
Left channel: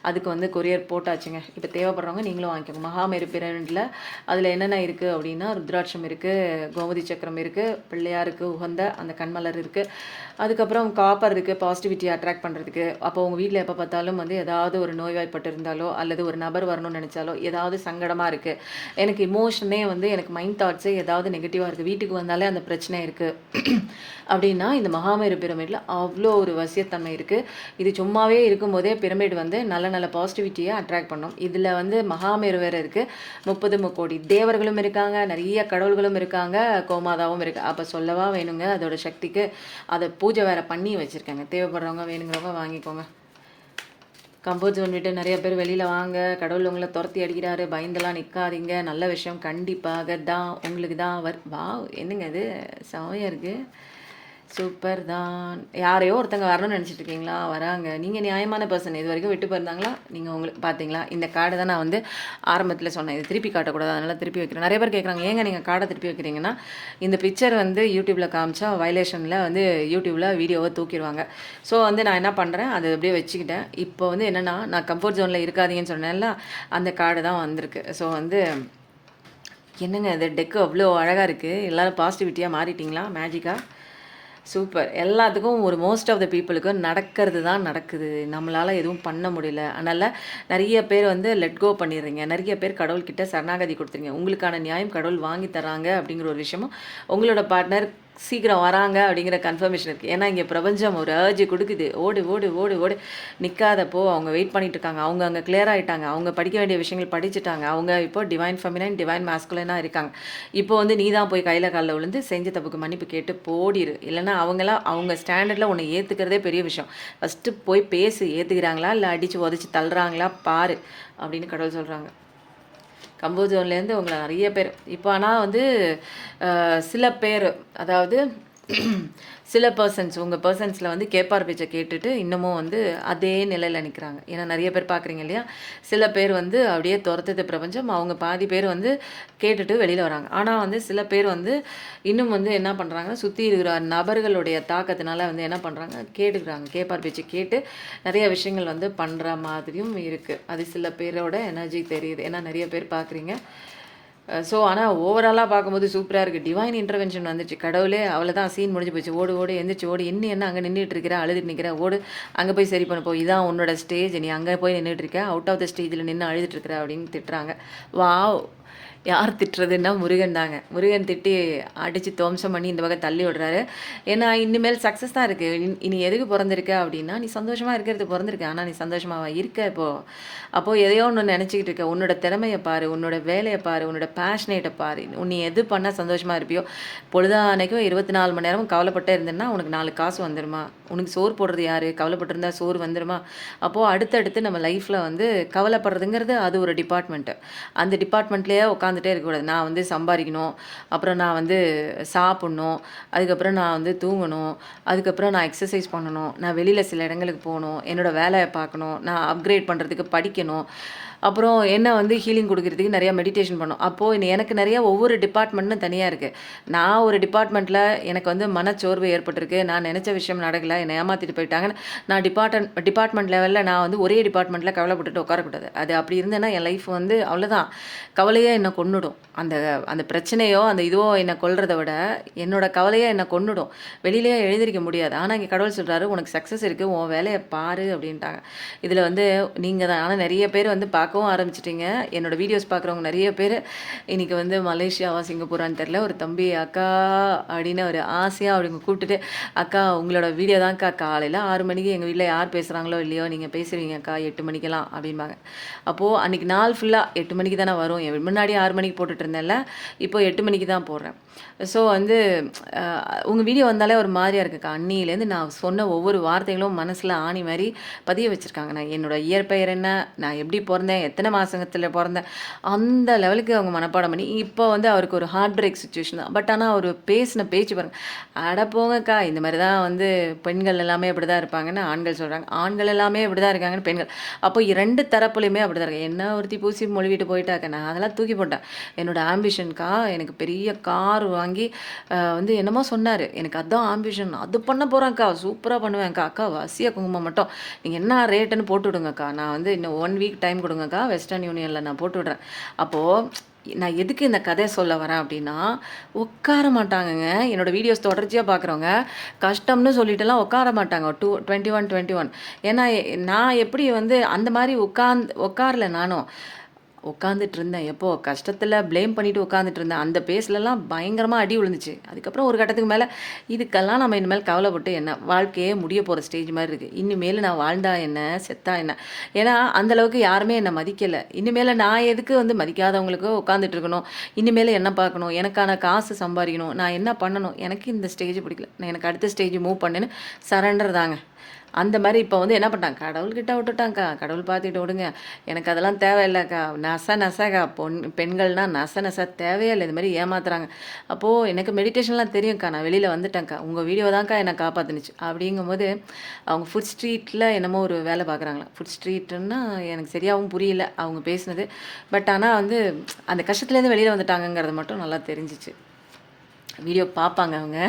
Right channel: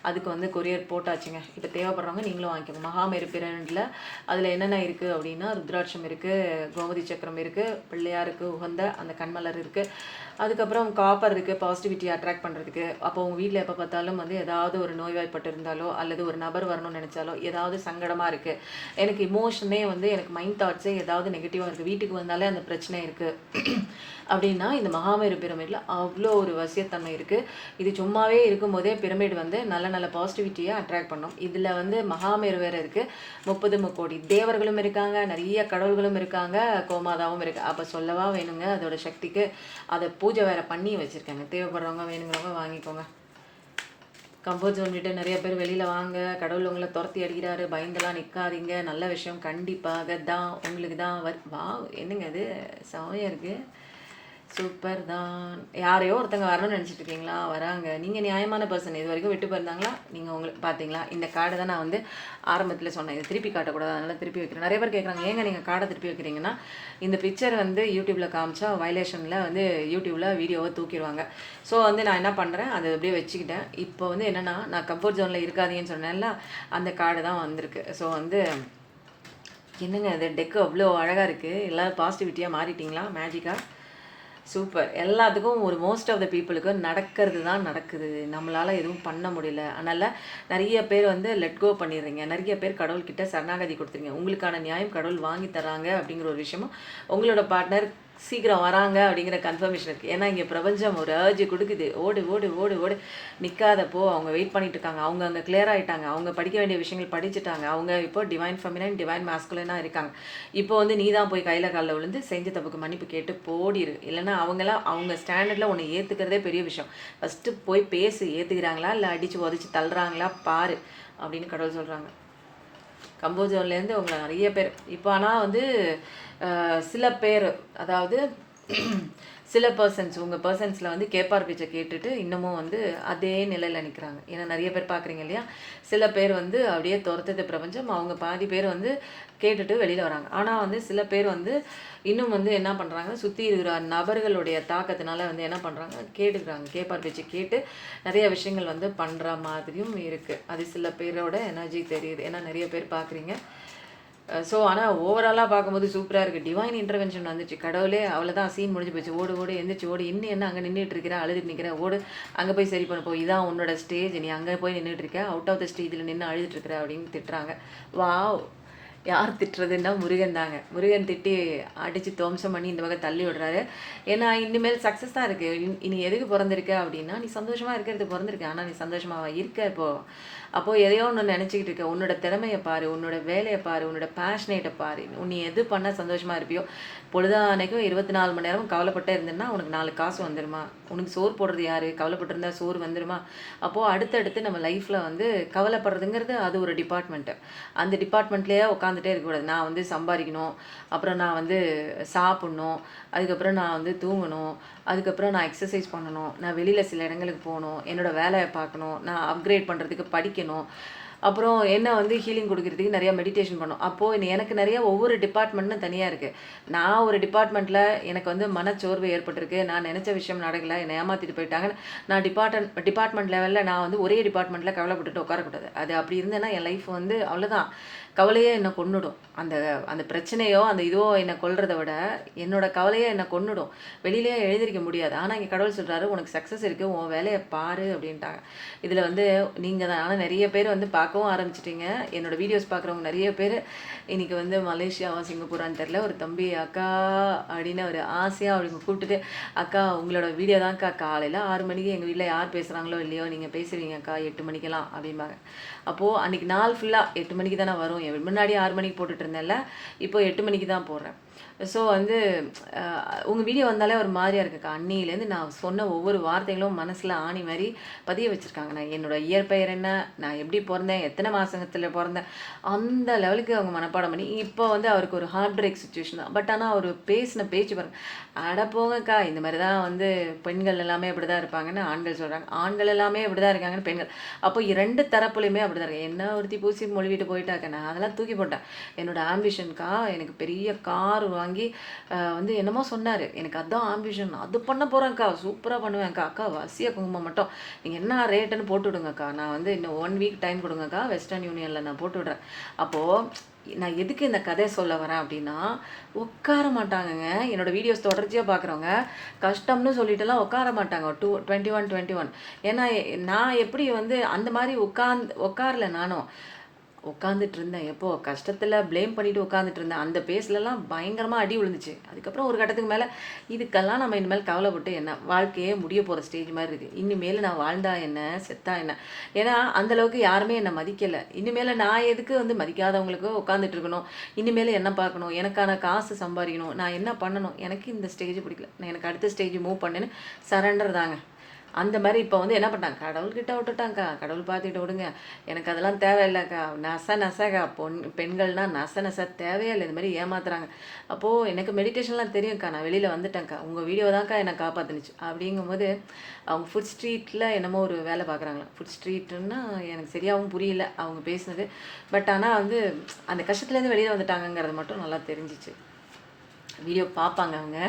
அதுக்கு வந்து கொரியர் போட்டாச்சுங்க. இப்போ தேவைப்படுறவங்க நீங்களும் வாங்கிக்கோங்க. மகாமேரு பிரமிடில் அதில் என்னென்ன இருக்குது அப்படின்னா, ருத்ராட்சம் இருக்குது, கோமதி சக்கரம் இருக்குது, பிள்ளையாருக்கு உகந்த அந்த கண்மலர் இருக்குது, அதுக்கப்புறம் காப்பர் இருக்குது பாசிட்டிவிட்டியை அட்ராக்ட் பண்ணுறதுக்கு. அப்போ உங்கள் வீட்டில் எப்போ பார்த்தாலும் வந்து ஏதாவது ஒரு நோய்வாய்ப்பட்டு இருந்தாலோ அல்லது ஒரு நபர் வரணும்னு நினச்சாலோ ஏதாவது சங்கடமாக இருக்குது, எனக்கு இமோஷனே வந்து எனக்கு மைண்ட் தாட்ஸே ஏதாவது நெகட்டிவாக இருக்குது, வீட்டுக்கு வந்தாலே அந்த பிரச்சனை இருக்குது அப்படின்னா இந்த மகாமேரு பிரமிடில் அவ்வளோ ஒரு வசியத்தன்மை இருக்குது. இது சும்மாவே இருக்கும்போதே பிரமிட் வந்து நல்ல நல்ல பாசிட்டிவிட்டியை அட்ராக்ட் பண்ணும். இதில் வந்து மகாமேரு வேறு இருக்குது, 30 முக்கோடி தேவர்களும் இருக்காங்க, நிறைய கடவுள்களும் இருக்காங்க, கோமாதாவும் இருக்குது. அப்போ சொல்லவா வேணுங்க அதோட சக்திக்கு. அதை பூஜை வேறு பண்ணி வச்சுருக்காங்க. தேவைப்படுறவங்க வேணுங்கிறவங்க வாங்கிக்கோங்க. கம்ஃபர்ட் ஜோன் விட்டு நிறைய பேர் வெளியில் வாங்க, கடவுள் உங்களை துரத்தி அடிக்கிறாரு, பயந்தெல்லாம் நிற்காதீங்க. நல்ல விஷயம் கண்டிப்பாக தான் உங்களுக்கு தான் வா என்னங்க இது செமையாக இருக்குது, சூப்பர் தான். யாரையோ ஒருத்தங்க வரணும்னு நினச்சிட்டு இருக்கீங்களா? வராங்க. நீங்கள் நியாயமான பர்சன். இது வரைக்கும் விட்டு போயிருந்தாங்களா? நீங்கள் உங்களுக்கு பார்த்தீங்களா? இந்த கார்டு தான் நான் வந்து ஆரம்பத்தில் சொன்னேன், இது திருப்பி காட்டக்கூடாது, அதனால் திருப்பி வைக்கிறேன். நிறைய பேர் கேட்குறாங்க, ஏங்க நீங்கள் கார்டை திருப்பி வைக்கிறீங்கன்னா, இந்த பிக்சர் வந்து யூடியூப்பில் காமிச்சா வயலேஷனில் வந்து யூடியூப்பில் வீடியோவை தூக்கிடுவாங்க. ஸோ வந்து நான் என்ன பண்ணுறேன், அதை அப்படியே வச்சுக்கிட்டேன். இப்போ வந்து என்னென்னா, நான் கம்ஃபர்ட் ஜோனில் இருக்காதீங்கன்னு சொன்னேன்ல, அந்த கார்டு தான் வந்திருக்கு. ஸோ வந்து என்னங்க இது டெக்கு அவ்வளோ அழகாக இருக்குது. எல்லோரும் பாசிட்டிவிட்டியாக மாறிட்டிங்களா? மேஜிக்காக சூப்பர். எல்லாத்துக்கும் ஒரு மோஸ்ட் ஆஃப் த பீப்புளுக்கு நடக்கிறது தான் நடக்குது. நம்மளால் எதுவும் பண்ண முடியல. அதனால் நிறைய பேர் வந்து லெட் கோ பண்ணிடுறீங்க. நிறைய பேர் கடவுள்கிட்ட சரணாகதி கொடுத்துருங்க. உங்களுக்கான நியாயம் கடவுள் வாங்கி தராங்க அப்படிங்கிற ஒரு விஷயமும் உங்களோட பார்ட்னர் சீக்கிரம் வராங்க அப்படிங்கிற கன்ஃபர்மேஷன் இருக்குது. ஏன்னா இங்கே பிரபஞ்சம் ஒரு அர்ஜி கொடுக்குது, ஓடு ஓடு ஓடு ஓடு. நிற்காதப்போ அவங்க வெயிட் பண்ணிட்டு இருக்காங்க. அவங்க அங்கே கிளியர் ஆகிட்டாங்க, அவங்க படிக்க வேண்டிய விஷயங்கள் படிச்சுட்டாங்க, அவங்க இப்போ டிவைன் ஃபெமினைன் டிவைன் மாஸ்குலைனாக இருக்காங்க. இப்போ வந்து நீ தான் போய் கையில் காலில் விழுந்து செஞ்ச தப்புக்கு மன்னிப்பு கேட்டு போடிரு. இல்லைன்னா அவங்களாம் அவங்க ஸ்டாண்டர்டில் உன்னை ஏற்றுக்கிறதே பெரிய விஷயம். ஃபஸ்ட்டு போய் பேசு, ஏற்றுக்கிறாங்களா இல்லை அடித்து உதச்சி தள்ளுறாங்களா பாரு அப்படின்னு கடவுள் சொல்கிறாங்க. கம்ஃபர்ட் ஜோன்லேருந்து உங்களை நிறைய பேர் இப்போ ஆனால் வந்து சில பேர், அதாவது சில பர்சன்ஸ் உங்கள் பர்சன்ஸில் வந்து கேட்பார் பேச்சை கேட்டுட்டு இன்னமும் வந்து அதே நிலையில் நிற்கிறாங்க. ஏன்னா நிறைய பேர் பார்க்குறீங்க இல்லையா? சில பேர் வந்து அப்படியே துரத்துது பிரபஞ்சம், அவங்க பாதி பேர் வந்து கேட்டுட்டு வெளியில் வராங்க. ஆனால் வந்து சில பேர் வந்து இன்னும் வந்து என்ன பண்ணுறாங்கன்னா, சுற்றி இருக்கிற நபர்களுடைய தாக்கத்தினால வந்து என்ன பண்ணுறாங்க, கேட்டுக்கிறாங்க. கேட்பார் பேச்சு கேட்டு நிறைய விஷயங்கள் வந்து பண்ணுற மாதிரியும் இருக்குது. அது சில பேரோட எனர்ஜி தெரியுது. ஏன்னா நிறைய பேர் பார்க்குறீங்க. ஸோ ஆனால் ஓவராலாக பார்க்கும்போது சூப்பராக இருக்குது. டிவைன் இன்டர்வென்ஷன் வந்துச்சு. கடவுளே அவ்வளோதான், சீன் முடிஞ்சு போச்சு, ஓடு ஓடு எந்திரிச்சு ஓடு, இன்னும் என்ன அங்கே நின்றுட்டு இருக்கிற, அழுதுட்டு நிற்கிற, ஓடு அங்கே போய் சரி பண்ண போ, இதான் உன்னோட ஸ்டேஜ், நீ அங்கே போய் நின்றுட்டு இருக்க, அவுட் ஆஃப் த ஸ்டேஜில் நின்று அழுதுட்டு இருக்கிற அப்படின்னு திட்டுறாங்க. வாவ், யார் திட்டுறதுன்னா முருகன் தாங்க. முருகன் திட்டி அடித்து துவம்சம் பண்ணி இந்த வகை தள்ளி விடுறாரு. ஏன்னா இனிமேல் சக்ஸஸ் தான் இருக்குது. இனி எதுக்கு பிறந்திருக்க அப்படின்னா, நீ சந்தோஷமாக இருக்கிறது பிறந்திருக்க, ஆனால் நீ சந்தோஷமாக இருக்க அப்போது எதையோ ஒன்று நினச்சிக்கிட்டு இருக்க. உன்னோட திறமையை பாரு, உன்னோட வேலையை பாரு, உன்னோட பேஷனேட்டை பாரு. நீ எது பண்ணால் சந்தோஷமாக இருப்பியோ. பொழுதானைக்கும் 24 மணி நேரமும் கவலைப்பட்டே இருந்தேன்னா உனக்கு 4 காசு வந்துடுமா? உனக்கு சோறு போடுறது யார்? கவலைப்பட்டிருந்தா சோறு வந்துடுமா? அப்போது அடுத்தடுத்து நம்ம லைஃப்பில் வந்து கவலைப்படுறதுங்கிறது அது ஒரு டிபார்ட்மெண்ட்டு. அந்த டிபார்ட்மெண்ட்லேயே உட்காந்து உட்காந்துட்டே இருக்கக்கூடாது. நான் வந்து சம்பாதிக்கணும், அப்புறம் நான் வந்து சாப்பிட்ணும், அதுக்கப்புறம் நான் வந்து தூங்கணும், அதுக்கப்புறம் நான் எக்ஸர்சைஸ் பண்ணணும், நான் வெளியில் சில இடங்களுக்கு போகணும், என்னோடய வேலையை பார்க்கணும், நான் அப்கிரேட் பண்ணுறதுக்கு படிக்கணும், அப்புறம் என்ன வந்து ஹீலிங் கொடுக்குறதுக்கு நிறையா மெடிடேஷன் பண்ணணும். அப்போது எனக்கு நிறையா ஒவ்வொரு டிபார்ட்மெண்ட்னு தனியாக இருக்குது. நான் ஒரு டிபார்ட்மெண்ட்டில் எனக்கு வந்து மனச்சோர்வு ஏற்பட்டிருக்கு, நான் நினச்ச விஷயம் நடக்கலை, என்னை ஏமாற்றிட்டு போயிட்டாங்கன்னு நான் டிபார்ட்மெண்ட் லெவலில் நான் வந்து ஒரே டிபார்ட்மெண்ட்டில் கவலைப்பட்டுட்டு உட்காரக்கூடாது. அது அப்படி இருந்தேன்னா என் லைஃப் வந்து அவ்வளோதான், கவலையே என்னை கொன்னுடும். அந்த அந்த பிரச்சனையோ அந்த இதுவோ என்னை கொல்றதை விட என்னோட கவலையே என்னை கொன்னுடும். வெளியிலேயே எழுதிருக்க முடியாது. ஆனால் இங்கே கடவுள் சொல்கிறாரு, உனக்கு சக்ஸஸ் இருக்குது, உன் வேலையை பாரு அப்படின்ட்டாங்க. இதில் வந்து நீங்கள் தான். ஆனால் நிறைய பேர் வந்து பார்க்கவும் ஆரம்பிச்சிட்டிங்க. என்னோடய வீடியோஸ் பார்க்குறவங்க நிறைய பேர் இன்றைக்கி வந்து மலேசியாவா சிங்கப்பூரான்னு தெரில, ஒரு தம்பி அக்கா அப்படின்னு ஒரு ஆசையாக அவங்க கூப்பிட்டுட்டு, அக்கா உங்களோட வீடியோ தான்க்கா காலையில் 6 மணிக்கு எங்கள் வீட்டில் யார் பேசுகிறாங்களோ இல்லையோ நீங்கள் பேசுவீங்க அக்கா 8 மணிக்கெல்லாம் அப்படிம்பாங்க. அப்போது அன்றைக்கி நாள் ஃபுல்லாக 8 மணிக்கு தானே வரும். முன்னாடி 6 மணிக்கு போட்டுட்டு இருந்தேன்ல, இப்போ 8 மணிக்கு தான் போடுறேன். ஸோ வந்து உங்கள் வீடியோ வந்தாலே ஒரு மாதிரியாக இருக்குக்கா. அன்னியிலேருந்து நான் சொன்ன ஒவ்வொரு வார்த்தைகளும் மனசில் ஆணி மாதிரி பதிய வச்சுருக்காங்க. நான் என்னோடய இயற்பெயர் என்ன, நான் எப்படி பிறந்தேன், எத்தனை மாதத்தில் பிறந்தேன், அந்த லெவலுக்கு அவங்க மனப்பாடம் பண்ணி இப்போ வந்து அவருக்கு ஒரு ஹார்ட் பிரேக் சுச்சுவேஷன் தான். பட் ஆனால் அவர் பேசின பேச்சு பாருங்க, அட போங்கக்கா இந்த மாதிரி தான் வந்து பெண்கள் எல்லாமே இப்படி தான் இருப்பாங்கன்னு ஆண்கள் சொல்கிறாங்க, ஆண்கள் எல்லாமே இப்படி தான் இருக்காங்கன்னு பெண்கள். அப்போ 2 தரப்புலையுமே அப்படி தான் இருக்கு. என்ன ஒருத்தி பூசி மொழிவிட்டு போயிட்டாக்க, நான் அதெல்லாம் தூக்கி போட்டேன். என்னோடய ஆம்பிஷன்க்கா எனக்கு பெரிய கார் வாங்கி வந்து என்னமோ சொன்னார், எனக்கு அதுதான் ஆம்பிஷன், அது பண்ண போகிறேன்க்கா, சூப்பராக பண்ணுவேன்க்கா, அக்கா வசிய குங்குமம் மட்டும் நீங்கள் என்ன ரேட்டுன்னு போட்டு விடுங்கக்கா, நான் வந்து இன்னும் 1 வீக் டைம் கொடுங்கக்கா, வெஸ்டர்ன் யூனியனில் நான் போட்டு விடுறேன். அப்போது நான் எதுக்கு இந்த கதை சொல்ல வரேன் அப்படின்னா, உட்கார மாட்டாங்கங்க. என்னோடய வீடியோஸ் தொடர்ச்சியாக பார்க்குறவங்க கஷ்டம்னு சொல்லிட்டுலாம் உட்கார மாட்டாங்க. 21 ஏன்னா நான் எப்படி வந்து அந்த மாதிரி உட்காரல நானும். உட்காந்துட்டு இருந்தேன். எப்போ கஷ்டத்தில் ப்ளேம் பண்ணிவிட்டு உட்காந்துட்டு இருந்தேன். அந்த பேஸ்லலாம் பயங்கரமாக அடி விழுந்துச்சு. அதுக்கப்புறம் ஒரு கட்டத்துக்கு மேலே இதுக்கெல்லாம் நம்ம இனிமேல் கவலைப்பட்டு என்ன, வாழ்க்கையே முடிய போகிற ஸ்டேஜ் மாதிரி இருக்குது. இனிமேல் நான் வாழ்ந்தா என்ன, செத்தா என்ன. ஏன்னா அந்தளவுக்கு யாருமே என்னை மதிக்கலை. இனிமேல் நான் எதுக்கு வந்து மதிக்காதவங்களுக்கு உட்காந்துட்டு இருக்கணும், இனிமேல் என்ன பார்க்கணும், எனக்கான காசு சம்பாதிக்கணும், நான் என்ன பண்ணணும், எனக்கு இந்த ஸ்டேஜ் பிடிக்கல, நான் எனக்கு அடுத்த ஸ்டேஜ் மூவ் பண்ணுன்னு சரண்டர் தாங்க. அந்த மாதிரி இப்போ வந்து என்ன பண்ணிட்டாங்க, கடவுள்கிட்ட விட்டுட்டாங்க்கா, கடவுள் பார்த்துட்டு விடுங்க, எனக்கு அதெல்லாம் தேவையில்லைக்கா, நசக்கா பெண்கள்னால் நச தேவையே இல்லை, இது மாதிரி ஏமாத்துறாங்க. அப்போது எனக்கு மெடிடேஷன்லாம் தெரியும்க்கா, நான் வெளியில் வந்துட்டேன்க்கா, உங்கள் வீடியோ தான்க்கா என்னை காப்பாற்றுனுச்சு அப்படிங்கும்போது அவங்க ஃபுட் ஸ்ட்ரீட்டில் என்னமோ ஒரு வேலை பார்க்குறாங்களா. ஃபுட் ஸ்ட்ரீட்டுன்னா எனக்கு சரியாகவும் புரியல அவங்க பேசுனது. பட் ஆனால் வந்து அந்த கஷ்டத்துலேருந்து வெளியில் வந்துட்டாங்கங்கிறது மட்டும் நல்லா தெரிஞ்சிச்சு. வீடியோ பார்ப்பாங்க அவங்க.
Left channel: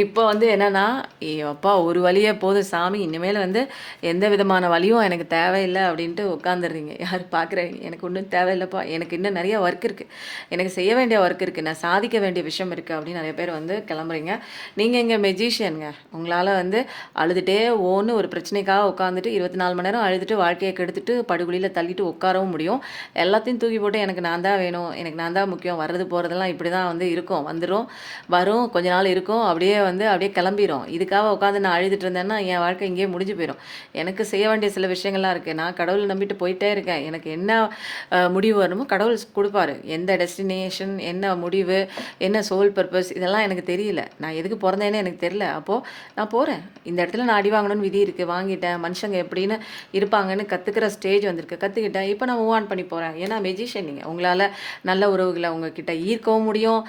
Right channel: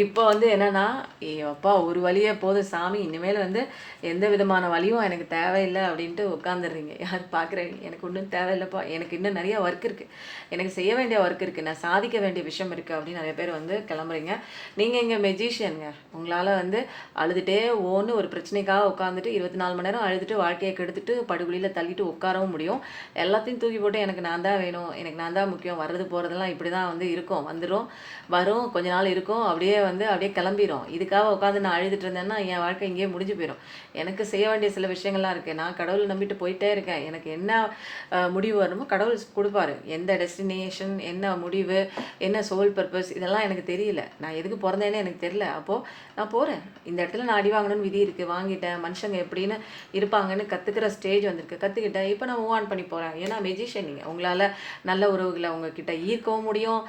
இப்போ வந்து என்னன்னா, அப்பா ஒரு வழியே போதும் சாமி, இனிமேல் வந்து எந்த விதமான வழியும் எனக்கு தேவையில்லை அப்படின்ட்டு உட்காந்துடுறீங்க. யார் பார்க்குறீங்க, எனக்கு ஒன்றும் தேவையில்லைப்பா, எனக்கு இன்னும் நிறைய ஒர்க் இருக்குது, எனக்கு செய்ய வேண்டிய ஒர்க் இருக்குது, நான் சாதிக்க வேண்டிய விஷயம் இருக்குது அப்படின்னு நிறைய பேர் வந்து கிளம்புறீங்க. நீங்கள் இங்கே மெஜிஷியனுங்க. உங்களால் வந்து அழுதுகிட்டே ஓன்னு ஒரு பிரச்சனைக்காக உட்காந்துட்டு 24 மணி நேரம் அழுதுட்டு வாழ்க்கையை கெடுத்துட்டு படுகொலியில் தள்ளிட்டு உட்காரவும் முடியும். எல்லாத்தையும் தூக்கி போட்டு எனக்கு நான் தான் வேணும், எனக்கு நான் தான் முக்கியம், வர்றது போகிறதெல்லாம் இப்படி தான் வந்து இருக்கும், வந்துடும் வரும் கொஞ்ச நாள் இருக்கும், அப்படியே வந்து அப்படியே கிளம்பிடும். இதுக்காக உட்காந்து நான் அழுதுட்டு இருந்தேன்னா என் வாழ்க்கை இங்கேயே முடிஞ்சு போயிடும். எனக்கு செய்ய வேண்டிய சில விஷயங்கள்லாம் இருக்குது. நான் கடவுளை நம்பிட்டு போயிட்டே இருக்கேன். எனக்கு என்ன முடிவு வரணுமோ கடவுள் கொடுப்பாரு. எந்த டெஸ்டினேஷன், என்ன முடிவு, என்ன சோல் பர்பஸ், இதெல்லாம் எனக்கு தெரியல. நான் எதுக்கு பிறந்தேன்னு எனக்கு தெரியல. அப்போது நான் போகிறேன். இந்த இடத்துல நான் அடி வாங்கணும்னு விதி இருக்குது, வாங்கிட்டேன். மனுஷங்க எப்படின்னு இருப்பாங்கன்னு கற்றுக்கிற ஸ்டேஜ் வந்திருக்கு, கற்றுக்கிட்டேன். இப்போ நான் மூவ் ஆன் பண்ணி போகிறேன். ஏன்னா மெஜிஷியன் நீங்கள், உங்களால் நல்ல உறவுகளை உங்ககிட்ட ஈர்க்கவும் முடியும்,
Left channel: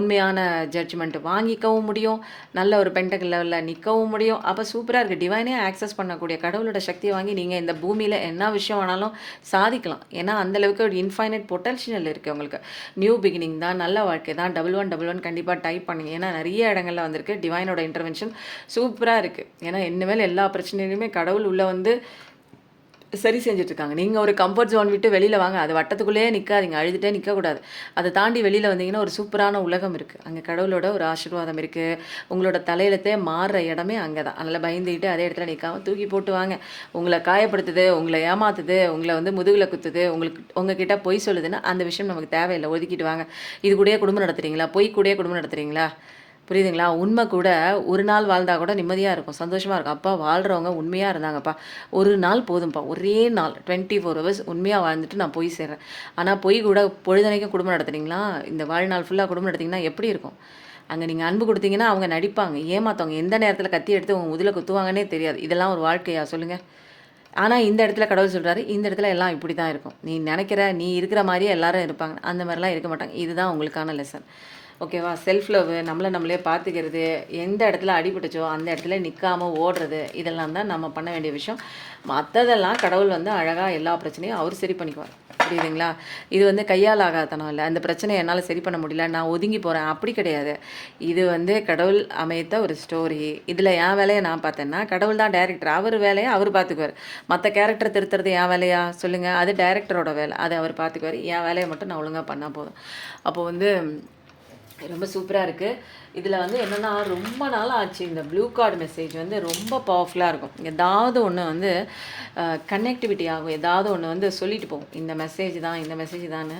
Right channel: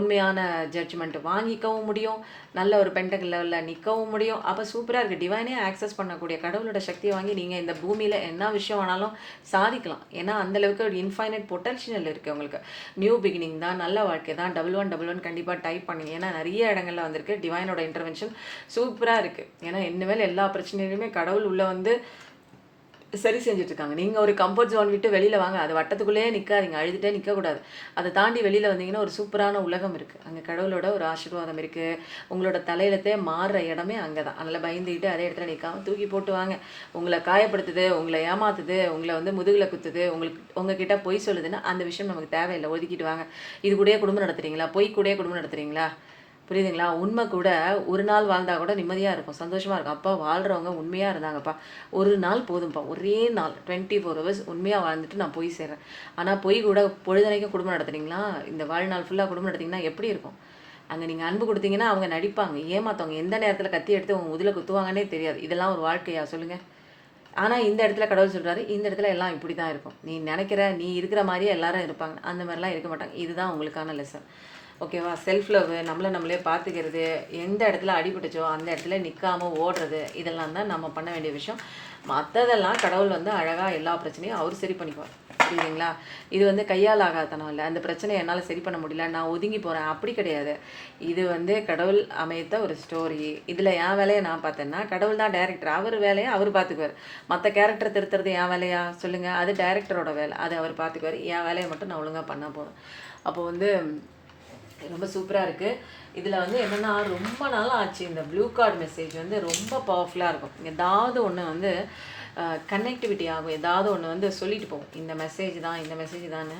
உண்மையான ஜட்ஜ்மெண்ட் வாங்கிக்கவும் முடியும், நல்ல ஒரு பென்டகல் லெவலில் நிற்கவும் முடியும். அப்போ சூப்பராக இருக்குது. டிவைனே ஆக்சஸ் பண்ணக்கூடிய கடவுளோட சக்தியை வாங்கி நீங்கள் இந்த பூமியில் என்ன விஷயம் வேணாலும் சாதிக்கலாம். ஏன்னா அந்தளவுக்கு ஒரு இன்ஃபைனைட் பொட்டன்ஷியல் இருக்குது உங்களுக்கு. நியூ பிகினிங் தான், நல்ல வாழ்க்கை தான். 1111 கண்டிப்பாக டைப் பண்ணுங்க. ஏன்னா நிறைய இடங்கள்ல வந்திருக்கு டிவைனோட இன்டர்வென்ஷன் சூப்பராக இருக்குது. ஏன்னா இனிமேல் எல்லா பிரச்சனையிலுமே கடவுள் உள்ளே வந்து சரி செஞ்சுட்ருக்காங்க. நீங்கள் ஒரு கம்ஃபர்ட் ஜோன் விட்டு வெளியில் வாங்க. அது வட்டத்துக்குள்ளேயே நிற்காதீங்க, அழுதுகிட்டே நிற்கக்கூடாது. அதை தாண்டி வெளியில் வந்தீங்கன்னா ஒரு சூப்பரான உலகம் இருக்குது. அங்கே கடவுளோட ஒரு ஆசீர்வாதம் இருக்குது. உங்களோட தலையிலத்தே மாறுற இடமே அங்கே தான். அதனால் பயந்துக்கிட்டு அதே இடத்துல நிற்காமல் தூக்கி போட்டு வாங்க. உங்களை காயப்படுத்துது, உங்களை ஏமாத்துது, உங்களை வந்து முதுகில் குத்துது, உங்ககிட்ட பொய் சொல்லுதுன்னா அந்த விஷயம் நமக்கு தேவையில்லை, ஒதுக்கிட்டு வாங்க. இது கூடயே குடும்பம் நடத்துகிறீங்களா, பொய் கூடயே குடும்பம் நடத்துகிறீங்களா, புரியுதுங்களா? உண்மை கூட ஒரு நாள் வாழ்ந்தால் கூட நிம்மதியாக இருக்கும், சந்தோஷமாக இருக்கும். அப்பா வாழ்கிறவங்க உண்மையாக இருந்தாங்கப்பா, ஒரு நாள் போதும்ப்பா, ஒரே நாள் 24 ஹவர்ஸ் உண்மையாக வாழ்ந்துட்டு நான் போய் சேர்றேன். ஆனால் பொய் கூட பொழுதனைக்கும் குடும்பம் நடத்துனீங்களா, இந்த வாழ்நாள் ஃபுல்லாக குடும்பம் நடத்திங்கன்னா எப்படி இருக்கும்? அங்கே நீங்கள் அன்பு கொடுத்தீங்கன்னா அவங்க நடிப்பாங்க, ஏமாத்தவங்க எந்த நேரத்தில் கத்தி எடுத்து உங்கள் முதுகில் குத்துவாங்கன்னே தெரியாது. இதெல்லாம் ஒரு வாழ்க்கையா சொல்லுங்கள்? ஆனால் இந்த இடத்துல கடவுள் சொல்கிறாரு, இந்த இடத்துல எல்லாம் இப்படி தான் இருக்கும். நீ நினைக்கிற நீ இருக்கிற மாதிரியே எல்லாரும் இருப்பாங்க. அந்த மாதிரிலாம் இருக்க மாட்டாங்க. இதுதான் உங்களுக்கான லெசன். ஓகேவா? செல்ஃப் லவ், நம்மளே பார்த்துக்கிறது, எந்த இடத்துல அடிபட்டுச்சோ அந்த இடத்துல நிற்காம ஓடுறது, இதெல்லாம் தான் நம்ம பண்ண வேண்டிய விஷயம். மற்றதெல்லாம் கடவுள் வந்து அழகாக எல்லா பிரச்சனையும் அவர் சரி பண்ணிக்குவார். புரியுதுங்களா? இது வந்து கையால் ஆகாதனம் இல்லை. அந்த பிரச்சனையை என்னால் சரி பண்ண முடியல, நான் ஒதுங்கி போகிறேன், அப்படி கிடையாது. இது வந்து கடவுள் அமைத்த ஒரு ஸ்டோரி. இதில் என் வேலையை நான் பார்த்தேன்னா, கடவுள் தான் டைரக்டர். அவர் வேலையை அவர் பார்த்துக்குவார். மற்ற கேரக்டர் திருத்துறது என் வேலையா சொல்லுங்கள்? அது டைரக்டரோட வேலை, அதை அவர் பார்த்துக்குவார். என் வேலையை மட்டும் நான் ஒழுங்காக பண்ணால் போதும். அப்போது வந்து ரொம்ப சூப்பராக இருக்குது. இதில் வந்து என்னென்னா, ரொம்ப நாள் ஆச்சு இந்த ப்ளூ கார்டு மெசேஜ் வந்து ரொம்ப பவர்ஃபுல்லாக இருக்கும். ஏதாவது ஒன்று வந்து கனெக்டிவிட்டி ஆகும், ஏதாவது ஒன்று வந்து சொல்லிட்டு போகும். இந்த மெசேஜ் தான், இந்த மெசேஜ் தானே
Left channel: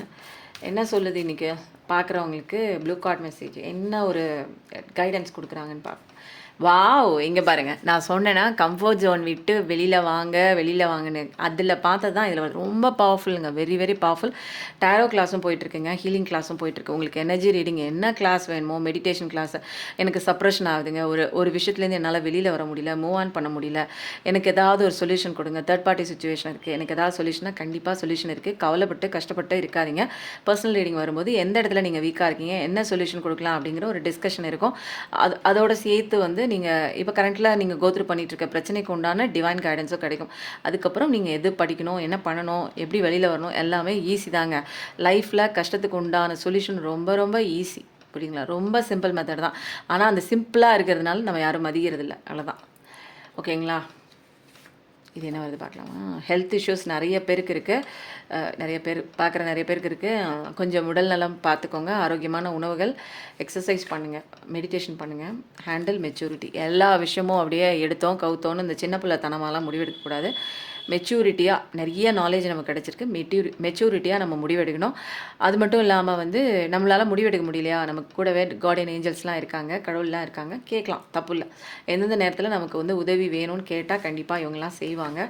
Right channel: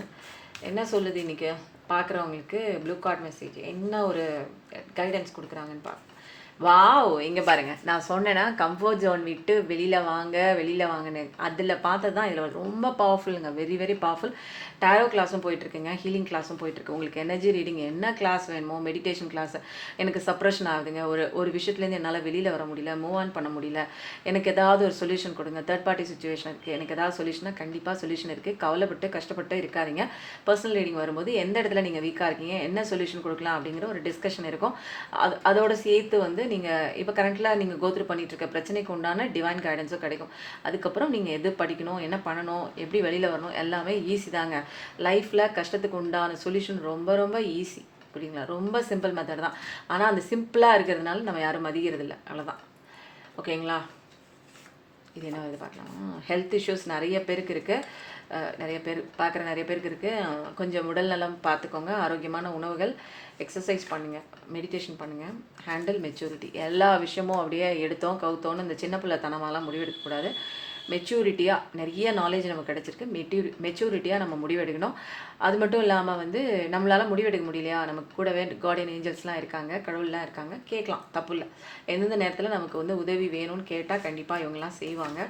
என்ன சொல்லுது இன்றைக்கி பார்க்குறவங்களுக்கு. ப்ளூ கார்டு மெசேஜ் என்ன ஒரு கைடன்ஸ் கொடுக்குறாங்கன்னு பார்ப்போம். வாவ்! இங்கே பாருங்கள், நான் சொன்னேன்னா கம்ஃபர்ட் ஜோன் விட்டு வெளியில் வாங்கன்னு. அதில் பார்த்தது தான் இதில் ரொம்ப பவர்ஃபுல்லுங்க. Very very powerful. டேரோ கிளாஸும் போயிட்டுருக்குங்க, ஹீலிங் கிளாஸும் போயிட்டுருக்கு. உங்களுக்கு எனர்ஜி ரீடிங் என்ன கிளாஸ் வேணுமோ, மெடிடேஷன் கிளாஸ். எனக்கு சப்ரெஷன் ஆகுதுங்க, ஒரு விஷயத்துலேருந்து என்னால் வெளியில் வர முடியல, மூவ் ஆன் பண்ண முடியல, எனக்கு ஏதாவது ஒரு சொல்யூஷன் கொடுங்க. தேர்ட் பார்ட்டி சுச்சுவேஷன் இருக்குது, எனக்கு ஏதாவது சொல்யூஷனாக கண்டிப்பாக சொல்யூஷன் இருக்குது. கவலைப்பட்டு கஷ்டப்பட்டு இருக்காதிங்க. பர்சனல் ரீடிங் வரும்போது எந்த இடத்துல நீங்கள் வீக்காக இருக்கீங்க, என்ன சொல்யூஷன் கொடுக்கலாம் அப்படிங்கிற ஒரு டிஸ்கஷன் இருக்கும். அதோட சேர்த்து வந்து நீங்கள் இப்போ கரண்ட்டில் நீங்கள் கோத்ரூ பண்ணிகிட்டு இருக்க பிரச்சனைக்கு உண்டான டிவைன் கைடன்ஸும் கிடைக்கும். அதுக்கப்புறம் நீங்கள் எது படிக்கணும், என்ன பண்ணணும், எப்படி வெளியில் வரணும், எல்லாமே ஈஸி தாங்க. லைஃப்பில் கஷ்டத்துக்கு உண்டான சொல்யூஷன் ரொம்ப ரொம்ப ஈஸி. புரியுங்களா? ரொம்ப சிம்பிள் மெத்தட் தான். ஆனால் அந்த சிம்பிளாக இருக்கிறதுனால நம்ம யாரும் மதிக்கிறதில்ல, அவ்வளோதான். ஓகேங்களா? இது என்ன வருது பார்க்கலாமா? ஹெல்த் இஷ்யூஸ் நிறைய பேருக்கு இருக்குது, நிறைய பேருக்கு இருக்குது. கொஞ்சம் உடல் நலம் பார்த்துக்கோங்க. ஆரோக்கியமான உணவுகள், எக்ஸசைஸ் பண்ணுங்கள், மெடிடேஷன் பண்ணுங்கள். Handle maturity. எல்லா விஷயமும் அப்படியே எடுத்தோம் கவுத்தோன்னு இந்த சின்ன பிள்ளை தனமாலாம் முடிவெடுக்கக்கூடாது. மெச்சூரிட்டியாக நிறைய நாலேஜ் நமக்கு கிடச்சிருக்கு. மெச்சூரிட்டியாக நம்ம முடிவெடுக்கணும். அது மட்டும் இல்லாமல் வந்து நம்மளால் முடிவெடுக்க முடியலையா, நமக்கு கூடவே கார்டியன் ஏஞ்சல்ஸ்லாம் இருக்காங்க, கடவுள்லாம் இருக்காங்க, கேட்கலாம், தப்பு இல்லை. எந்தெந்த நேரத்தில் நமக்கு வந்து உதவி வேணும்னு கேட்டால் கண்டிப்பாக இவங்கெல்லாம் செய்வாங்க.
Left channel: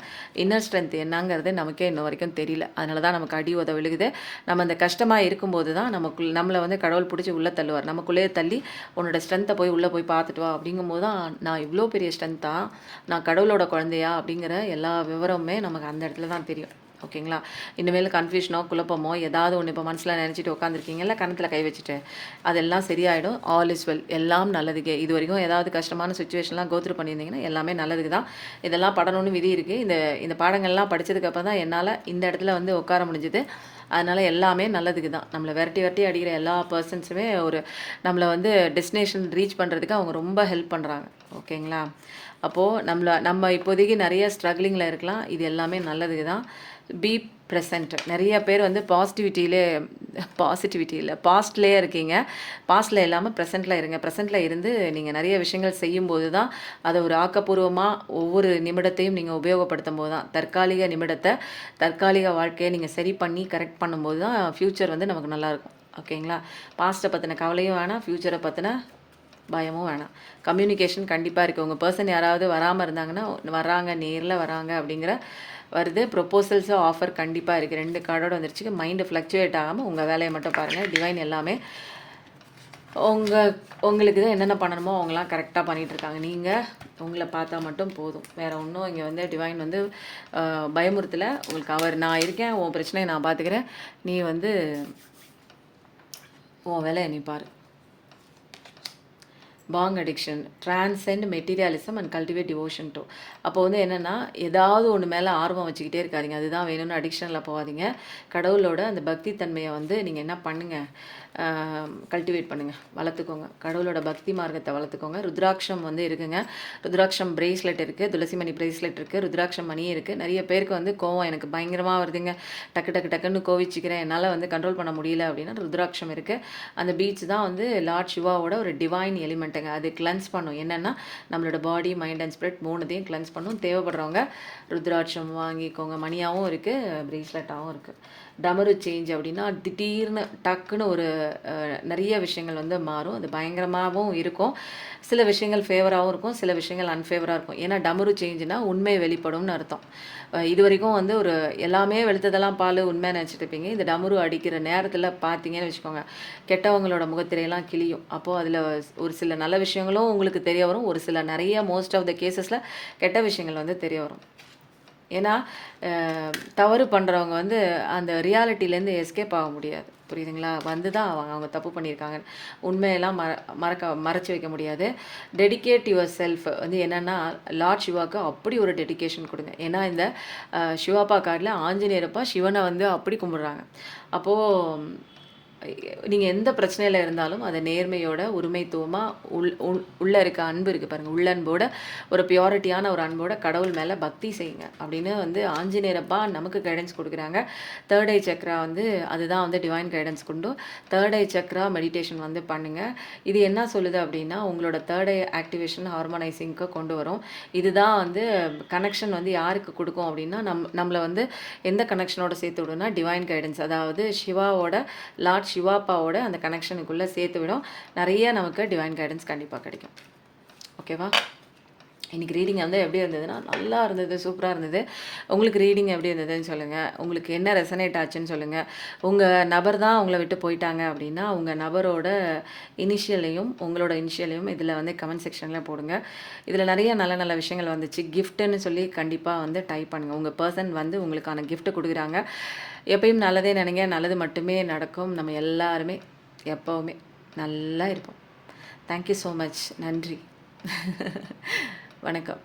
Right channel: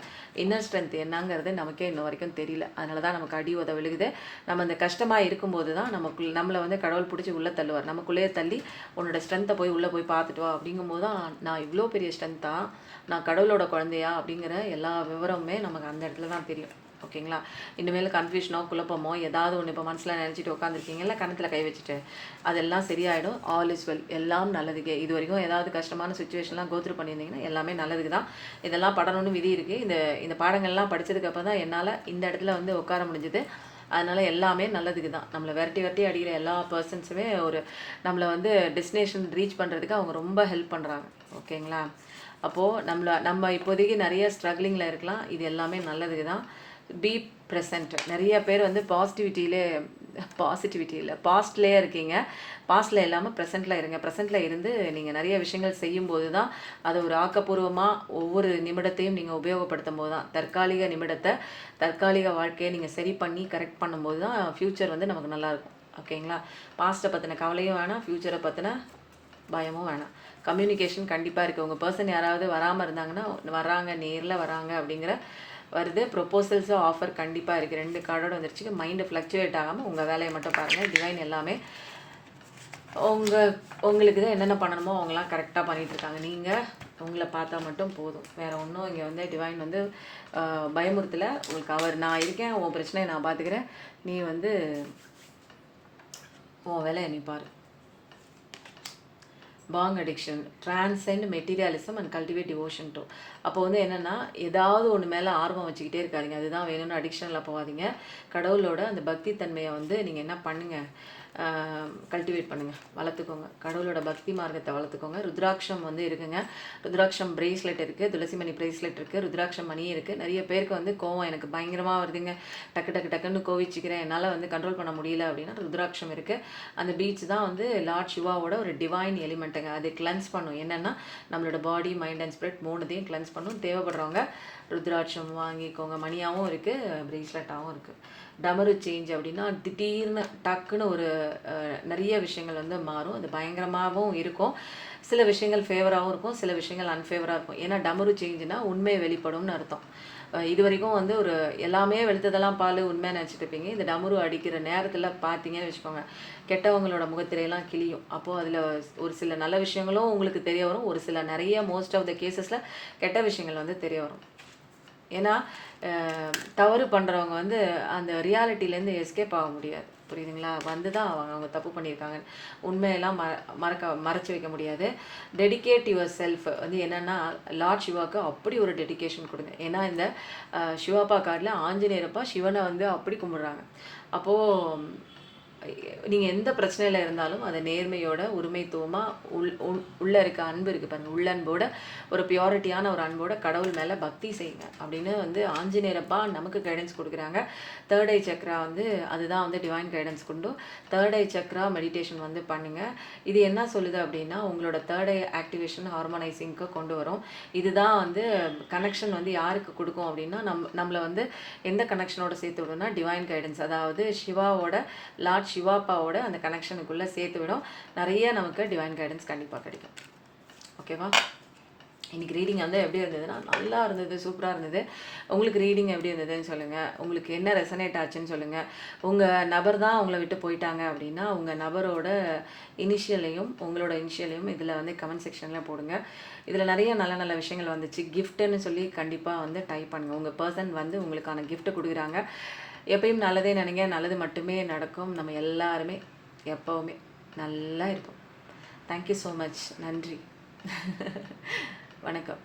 இன்னர் ஸ்ட்ரென்த் என்னங்கிறது நமக்கே இன்ன வரைக்கும் தெரியல. அதனால தான் நமக்கு அடி உத விழுகுது. நம்ம அந்த கஷ்டமாக இருக்கும்போது தான் நம்மளை வந்து கடவுள் பிடிச்சி உள்ளே தள்ளுவார். நமக்குள்ளேயே தள்ளி உன்னோட ஸ்ட்ரென்த்தை போய் உள்ளே போய் பார்த்துட்டு வா அப்படிங்கும்போது தான் நான் இவ்வளோ பெரிய ஸ்ட்ரென்த்தா, நான் கடவுளோட குழந்தையா அப்படிங்கிற எல்லா விவரமுமே நமக்கு அந்த இடத்துல தான் தெரியும். ஓகேங்களா? இனிமேல் கன்ஃபியூஷனோ குழப்பமோ ஏதாவது ஒன்று இப்போ மனசில் நினச்சிட்டு உட்காந்துருக்கீங்கல்ல, கணத்தில் கை வச்சுட்டு, அதெல்லாம் சரியாயிடும். All is well. எல்லாம் நல்லதுக்கே. இது வரைக்கும் ஏதாவது கஷ்டமான சுச்சுவேஷன்லாம் கோத்ரூ பண்ணியிருந்தீங்கன்னா எல்லாமே நல்லதுக்கு தான். இதெல்லாம் படணும்னு விதி இருக்குது. இந்த பாடங்கள்லாம் படித்ததுக்கப்புறம் தான் என்னால் இந்த இடத்துல வந்து உட்கார முடிஞ்சுது. அதனால் எல்லாமே நல்லதுக்கு தான். நம்மளை விரட்டி அடிக்கிற எல்லா பர்சன்ஸுமே நம்மளை வந்து டெஸ்டினேஷன் ரீச் பண்ணுறதுக்கு அவங்க ரொம்ப ஹெல்ப் பண்ணுறாங்க. ஓகேங்களா? அப்போது நம்ம இப்போதைக்கு நிறைய ஸ்ட்ரகிளிங்கில் இருக்கலாம். இது எல்லாமே நல்லதுக்கு தான். Be present. நிறைய பேர் வந்து பாசிட்டிவிட்டி இல்லை, பாஸ்ட்லேயே இருக்கீங்க. பாஸ்டில் இல்லாமல் ப்ரெசென்ட்டில் இருங்க. ப்ரெசென்ட்டில் இருந்து நீங்கள் நிறைய விஷயங்கள் செய்யும்போது தான் அதை ஒரு ஆக்கப்பூர்வமாக ஒவ்வொரு நிமிடத்தையும் நீங்கள் உபயோகப்படுத்தும் போது தான், தற்காலிக வாழ்க்கையை நீங்கள் சரி பண்ணி கரெக்ட் பண்ணும்போது தான் ஃப்யூச்சர் வந்து நமக்கு நல்லாயிருக்கும். ஓகேங்களா? பாஸ்ட்டை பற்றின கவலையும் வேணாம், ஃப்யூச்சரை பற்றின பயமும் வேணாம். கம்யூனிகேஷன் கண்டிப்பாக இருக்குது. உங்கள் பர்சன் யாராவது வராமல் இருந்தாங்கன்னா வராங்க, நேரில் வராங்க அப்படிங்கிற வருது. ப்ரொப்போசல்ஸும் ஆஃபர் கண்டிப்பாக இருக்குது. 2 கார்டோட வந்துருச்சு. மைண்டு ஃப்ளக்சுவேட் ஆகாமல் உங்கள் வேலையை மட்டும் பாருங்கள். டிவைன் எல்லாமே உங்களுக்கு தான் என்னென்ன பண்ணணுமோ அவங்களாம் கரெக்டாக பண்ணிகிட்ருக்காங்க. நீங்கள் உங்களை பார்த்தா மட்டும் போதும். வேறு ஒன்றும் இங்கே வந்து டிவைன் வந்து பயமுறுத்தலை. உங்களுக்கு நான் இருக்கேன், உன் பிரச்சனையை நான் பார்த்துக்கிறேன், நீ வந்து உன் வேலையை நீ பாரு. பாங் addiction, transcend materialism and cultivate devotion too. அப்போ வந்து என்னென்னா, ஏதாவது ஒன்று மேலே ஆர்வம் வச்சுக்கிட்டே இருக்காதிங்க. அதுதான் வேணும்னு அடிக்ஷனில் போகாதீங்க. கடவுளோட அந்த பக்தி தன்மையை வந்து நீங்கள் என்ன பண்ணுங்கள், கல்டிவேட் பண்ணுங்கள், வளர்த்துக்கோங்க. கடவுளோட பக்தி மார்க்கத்தை வளர்த்துக்கோங்க. ருத்ராட்சம் வந்து இருக்குங்க. ருத்ராட்சம் பிரேஸ்லெட் இருக்குது, துளசி மணி பிரேஸ்லெட் இருக்குது, ருத்ராட்சம் மணி இருக்குது. நிறைய பேருக்கு வந்து கோவம் எனக்கு பயங்கரமாக வருதுங்க, டக்குன்னு கோவிச்சிக்கிறேன், என்னால் வந்து கண்ட்ரோல் பண்ண முடியல அப்படின்னா ருத்ராட்சம் இருக்குது. அந்த பீச் தான் வந்து லார்ட் சிவாவோட ஒரு டிவைன் எலிமெண்ட்டுங்க. அது கிளென்ஸ் பண்ணும். என்னென்னா நம்மளோட பாடி, மைண்ட் அண்ட் ஸ்பிரிட் 3த்தையும் கிளென்ஸ் பண்ணும். தேவைப்படுறவங்க ருத்ராட்சம் வாங்கிக்கோங்க. மணியாகவும் இருக்குது, பிரேஸ்லெட்டாகவும் இருக்குது. டமரு சேஞ்ச் அப்படின்னா திடீர்னு டக்குன்னு ஒரு நிறைய விஷயங்கள் வந்து மாறும். அது பயங்கரமாகவும் இருக்கும். சில விஷயங்கள் ஃபேவராகவும் இருக்கும், சில விஷயங்கள் அன்ஃபேவராக இருக்கும். ஏன்னா டமரு சேஞ்சுனா உண்மை வெளிப்படும்னு அர்த்தம். இது வரைக்கும் வந்து ஒரு எல்லாமே வெளுத்ததெல்லாம் பால் உண்மையாக நினச்சிட்டு இருப்பீங்க. இந்த டமரு அடிக்கிற நேரத்தில் பார்த்தீங்கன்னு வச்சுக்கோங்க, கெட்டவங்களோட முகத்திரையெல்லாம் கிளியும். அப்போது அதில் ஒரு சில நல்ல விஷயங்களும் உங்களுக்கு தெரிய வரும், ஒரு சில நிறைய மோஸ்ட் ஆஃப் த கேசஸில் கெட்ட விஷயங்கள் வந்து தெரிய வரும். ஏன்னா தவறு பண்ணுறவங்க வந்து அந்த ரியாலிட்டிலேருந்து எஸ்கேப் ஆக முடியாது. புரியுதுங்களா? வந்து தான் அவங்க தப்பு பண்ணியிருக்காங்க. உண்மையெல்லாம் மறைச்சு வைக்க முடியாது. டெடிகேட் யுவர் செல்ஃப் வந்து என்னென்னா, லார்ட் சிவாவுக்கு அப்படி ஒரு டெடிகேஷன் கொடுங்க. ஏன்னா இந்த சிவாப்பா கார்டில் ஆஞ்சநேயரப்பா சிவனை வந்து அப்படி கும்பிடுறாங்க. அப்போது நீங்கள் எந்த பிரச்சனையில் இருந்தாலும் அதை நேர்மையோட உரிமைத்துவமாக உள்ளே இருக்க அன்பு இருக்குது பாருங்கள், உள்ளன்போட ஒரு பியூரிட்டியான ஒரு அன்போட கடவுள் மேலே பக்தி செய்யுங்க அப்படின்னு வந்து ஆஞ்சநேயரப்பா நமக்கு கைடன்ஸ் கொடுக்குறாங்க. தேர்ட் ஐ சக்ரா வந்து அதுதான் வந்து டிவைன் கைடன்ஸ் கொண்டு தேர்ட் ஐ சக்ரா மெடிடேஷன் வந்து பண்ணுங்கள். இது என்ன சொல்லுது அப்படின்னா, உங்களோட தேர்ட் ஐ ஆக்டிவேஷன் ஹார்மோனைசிங்க்கு கொண்டு வரும். இதுதான் வந்து கனெக்ஷன் வந்து யாருக்கு கொடுக்கும் அப்படின்னா, நம்மளை வந்து எந்த கனெக்ஷனோட சேர்த்து விடும்னா டிவைன் கைடன்ஸ், அதாவது சிவாவோட லார்ட் சிவாப்பாவோட அந்த கனெக்ஷனுக்குள்ளே சேர்த்து விடும். நிறைய நமக்கு டிவைன் கைடன்ஸ் கண்டிப்பாக கிடைக்கும். ஓகேவா? இன்றைக்கி ரீடிங் வந்து எப்படி இருந்ததுன்னா, நல்லா இருந்தது, சூப்பராக இருந்தது. உங்களுக்கு ரீடிங் எப்படி இருந்ததுன்னு சொல்லுங்கள். உங்களுக்கு என்ன ரெசனேட் ஆச்சுன்னு சொல்லுங்கள். உங்கள் நபர் தான் உங்களை விட்டு போயிட்டாங்க அப்படின்னா, உங்கள் நபரோட இனிஷியலையும் உங்களோட இனிஷியலையும் இதில் வந்து கமெண்ட் செக்ஷனில் போடுங்க. இதில் நிறைய நல்ல நல்ல விஷயங்கள் வந்துச்சு. கிஃப்ட்டுன்னு சொல்லி கண்டிப்பாக வந்து டைப் பண்ணுங்கள். உங்கள் பர்சன் வந்து உங்களுக்கான கிஃப்ட்டு கொடுக்குறாங்க. எப்பயும் நல்லதே நினைங்க, நல்லது மட்டுமே நடக்கும். நம்ம எல்லாருமே எப்போவுமே நல்லா இருப்போம். Thank you so much. நன்றி. வணக்கம்.